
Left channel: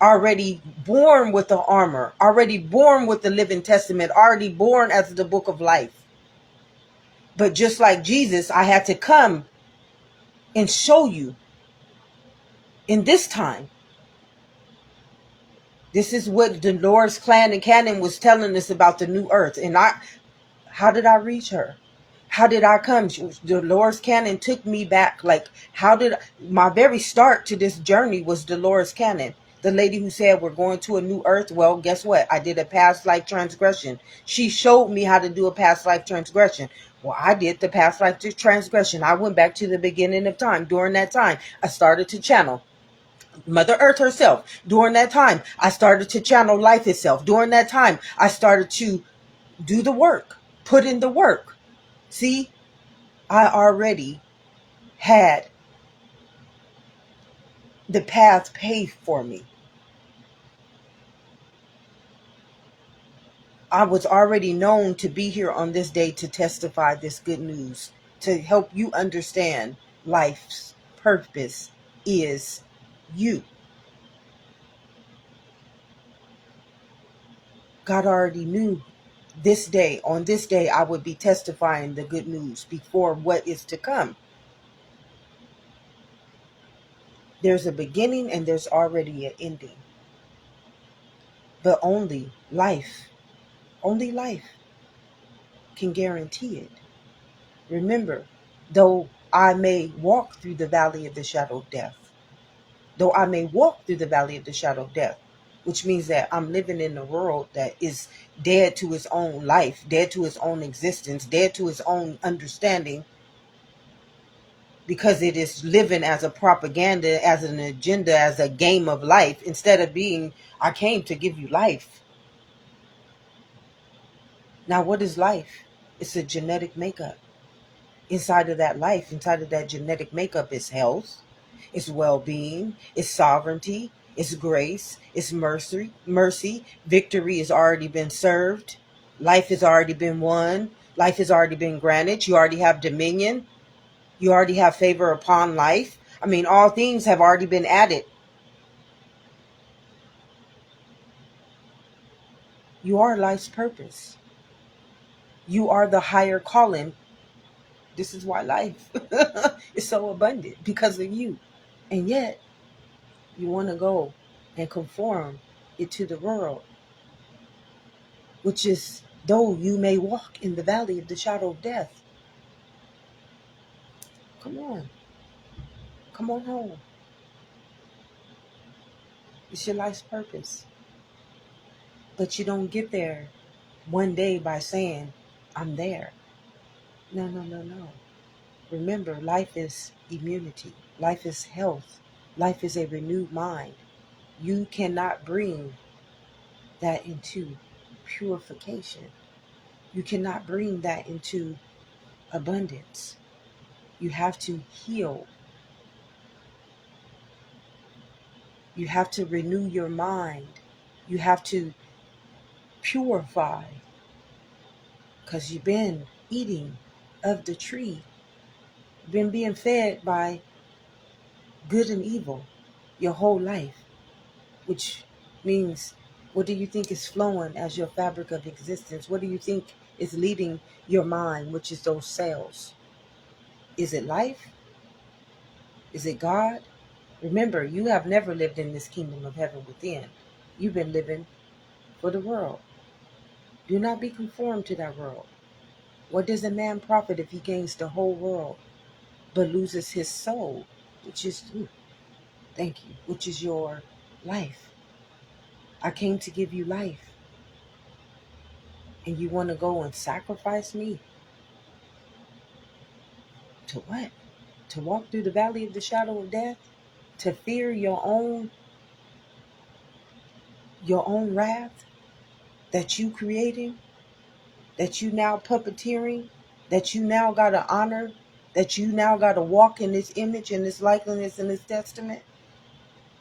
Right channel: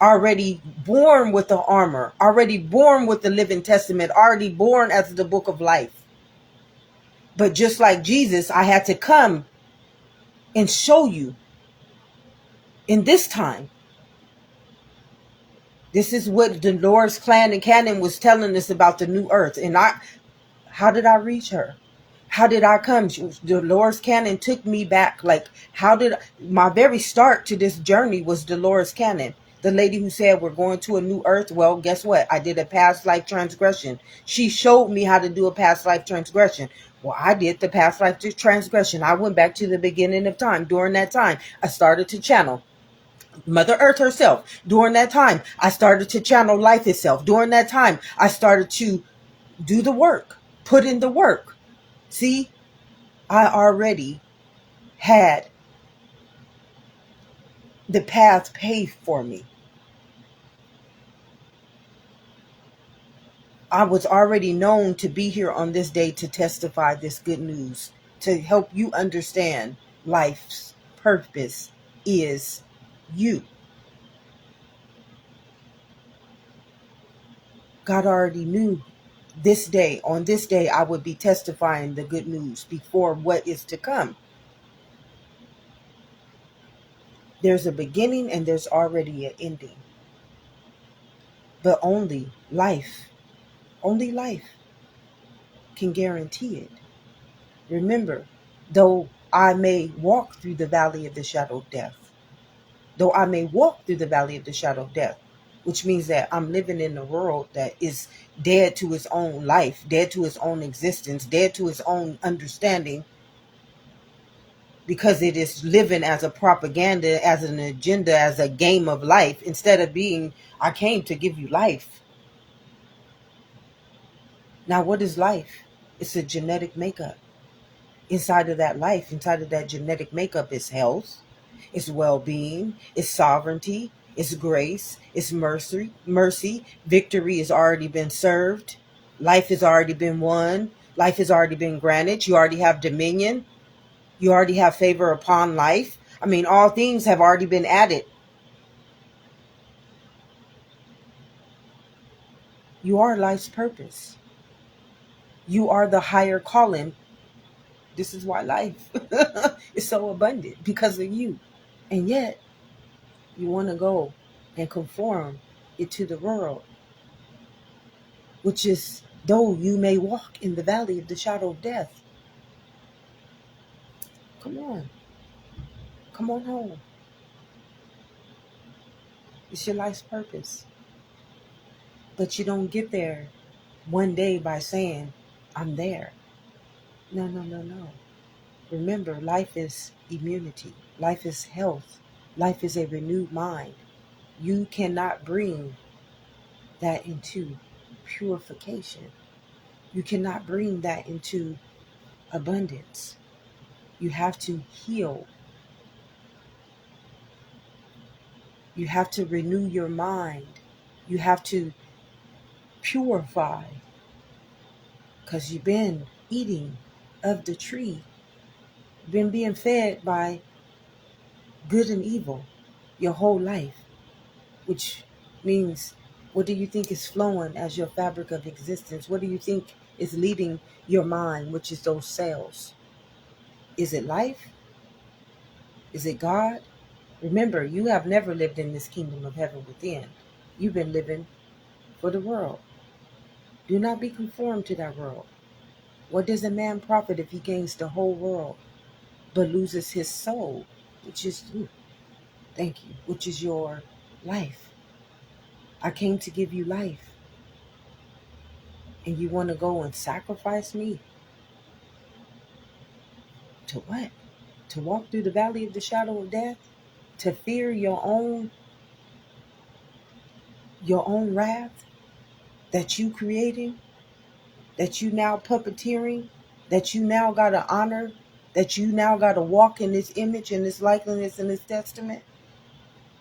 Already born with the armor. Already born with the living testament. Already born as the book of life. But just like Jesus, I had to come and show you in this time. This is what Dolores Cannon was telling us about the new earth. And how did I reach her? How did I come? Dolores Cannon took me back. Like, my very start to this journey was Dolores Cannon. The lady who said we're going to a new earth. Well, guess what? I did a past life transgression. She showed me how to do a past life transgression. Well, I did the past life transgression. I went back to the beginning of time. During that time, I started to channel Mother Earth herself. During that time, I started to channel life itself. During that time, I started to do the work, put in the work. See, I already had the path paved for me. I was already known to be here on this day to testify this good news, to help you understand life's purpose is you. God already knew on this day, I would be testifying the good news before what is to come. There's a beginning and there's already an ending. But only life can guarantee it. Remember, though I may walk through the valley of the shadow of death, which means that I'm living in a world that is dead to its own life, dead to its own existence, dead to its own understanding, because it is living as a propaganda, as an agenda, as a game of life, instead of being, I came to give you life. Now, what is life? It's a genetic makeup. Inside of that life, inside of that genetic makeup is health, it's well-being, it's sovereignty, it's grace, it's mercy. Victory has already been served. Life has already been won. Life has already been granted. You already have dominion. You already have favor upon life. I mean, all things have already been added. You are life's purpose. You are the higher calling. This is why life is so abundant, because of you. And yet, you want to go and conform it to the world, which is, though you may walk in the valley of the shadow of death. Come on. Come on home. It's your life's purpose. But you don't get there one day by saying, I'm there. No, no, no, no. Remember, life is immunity. Life is health. Life is a renewed mind. You cannot bring that into purification. You cannot bring that into abundance. You have to heal. You have to renew your mind. You have to purify, because you've been eating of the tree. You've been being fed by good and evil your whole life, which means, what do you think is flowing as your fabric of existence? What do you think is leading your mind, which is those cells? Is it life? Is it God? Remember, you have never lived in this kingdom of heaven within. You've been living for the world. Do not be conformed to that world. What does a man profit if he gains the whole world but loses his soul, which is, which is your life? I came to give you life. And you want to go and sacrifice me? To what? To walk through the valley of the shadow of death? To fear your own wrath that you created? That you now puppeteering? That you now got to honor? That you now got to walk in this image and this likeness and this testament?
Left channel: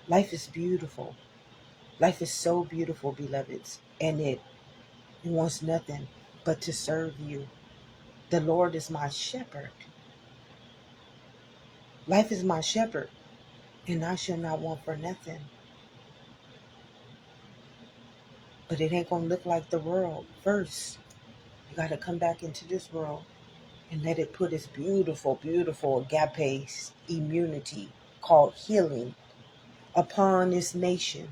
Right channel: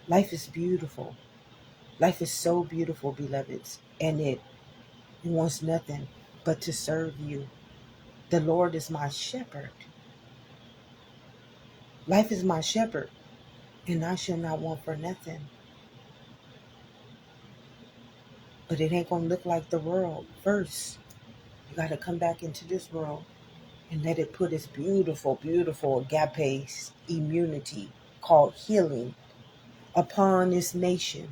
Life is beautiful. Life is so beautiful, beloveds. And it wants nothing but to serve you. The Lord is my shepherd. Life is my shepherd, and I shall not want for nothing. But it ain't going to look like the world. First, you got to come back into this world and let it put its beautiful, beautiful agape immunity called healing upon this nation.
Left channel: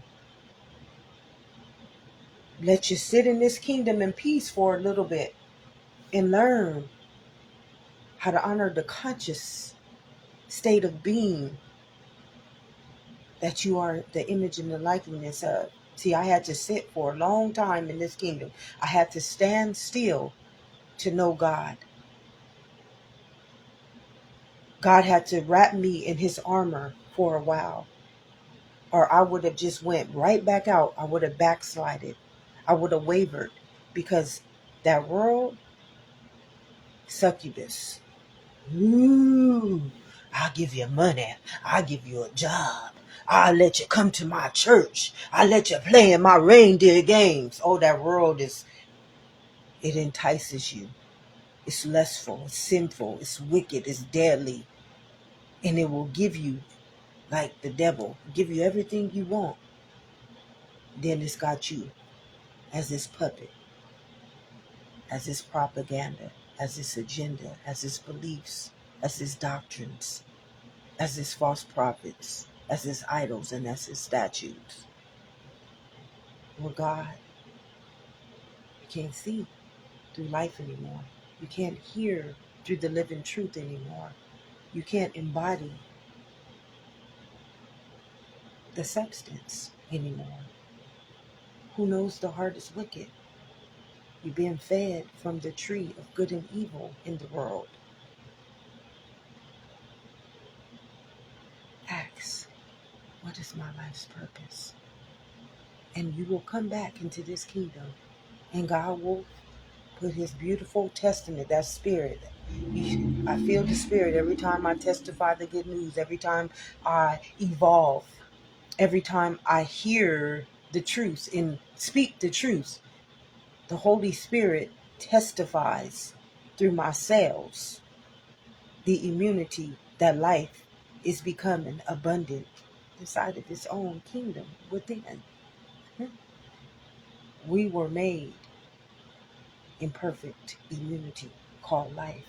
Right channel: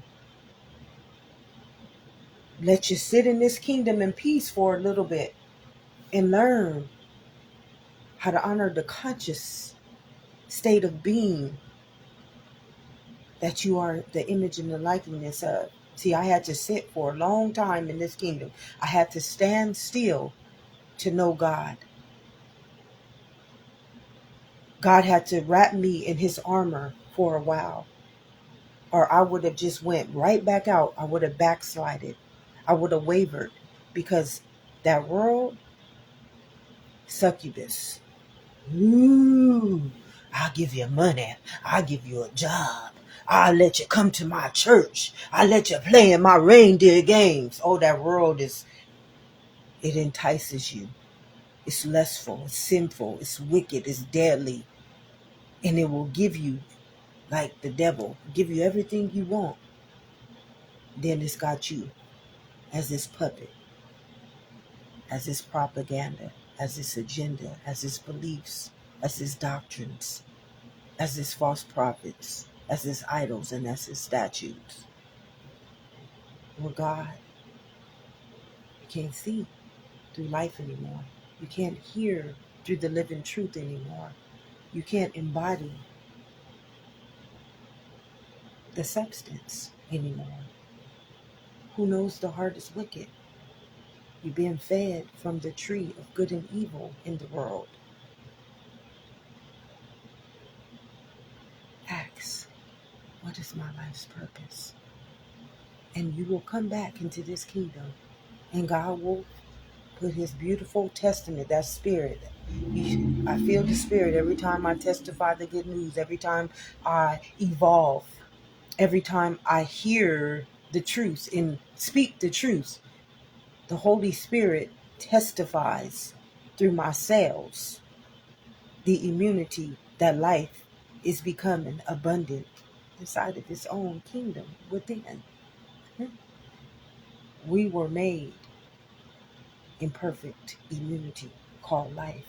Let you sit in this kingdom in peace for a little bit and learn how to honor the conscious state of being that you are the image and the likeness of. See, I had to sit for a long time in this kingdom. I had to stand still to know God. God had to wrap me in his armor for a while, or I would have just went right back out. I would have backslided. I would have wavered, because that world, succubus. Ooh, I'll give you money. I'll give you a job. I'll let you come to my church. I'll let you play in my reindeer games. Oh, that world it entices you. It's lustful, it's sinful, it's wicked, it's deadly. And it will give you, like the devil, give you everything you want. Then it's got you as its puppet, as its propaganda, as its agenda, as its beliefs, as its doctrines, as its false prophets, as its idols, and as its statues. Well, God, you can't see through life anymore. You can't hear through the living truth anymore. You can't embody the substance anymore. Who knows the heart is wicked? You're being fed from the tree of good and evil in the world. Ask, what is my life's purpose? And you will come back into this kingdom, and God will put his beautiful testament, that spirit. I feel the spirit every time I testify the good news, every time I evolve, every time I hear the truth and speak the truth. The Holy Spirit testifies through my cells the immunity that life is becoming abundant inside of its own kingdom within. We were made in perfect immunity called life.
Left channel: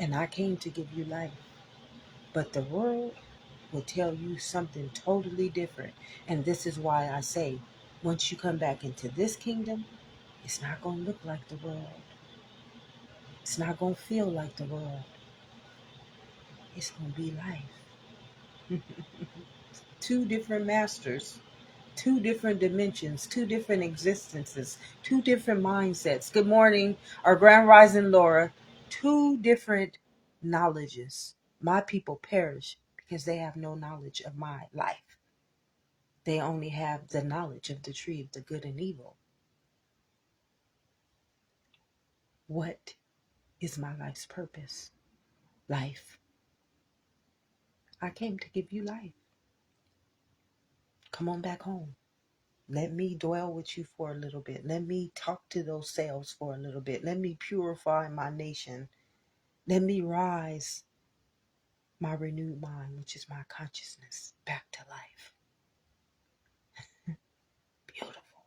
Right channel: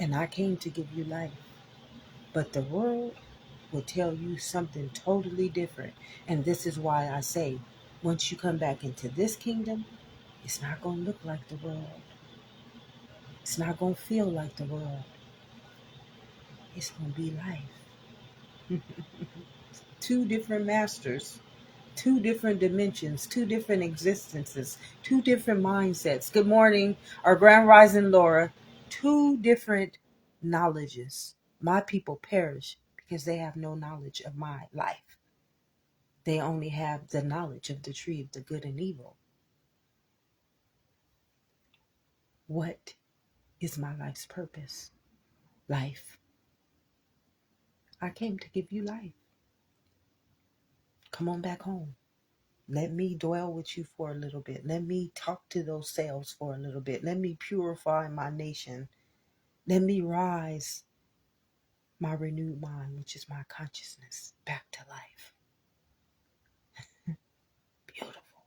And I came to give you life. But the world will tell you something totally different. And this is why I say, once you come back into this kingdom, it's not going to look like the world. It's not going to feel like the world. It's going to be life. Two different masters, two different dimensions, two different existences, two different mindsets. Good morning, our Grand Rising Laura. Two different knowledges. My people perish because they have no knowledge of my life. They only have the knowledge of the tree of the good and evil. What is my life's purpose? Life. I came to give you life. Come on back home. Let me dwell with you for a little bit. Let me talk to those cells for a little bit. Let me purify my nation. Let me rise my renewed mind, which is my consciousness, back to life. Beautiful.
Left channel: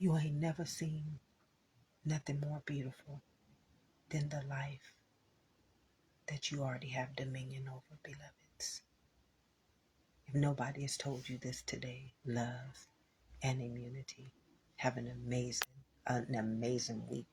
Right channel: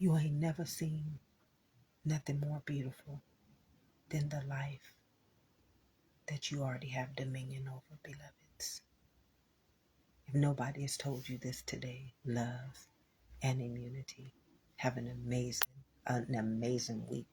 You ain't never seen nothing more beautiful than the life that you already have dominion over, beloveds. If nobody has told you this today, love and immunity. Have an amazing week.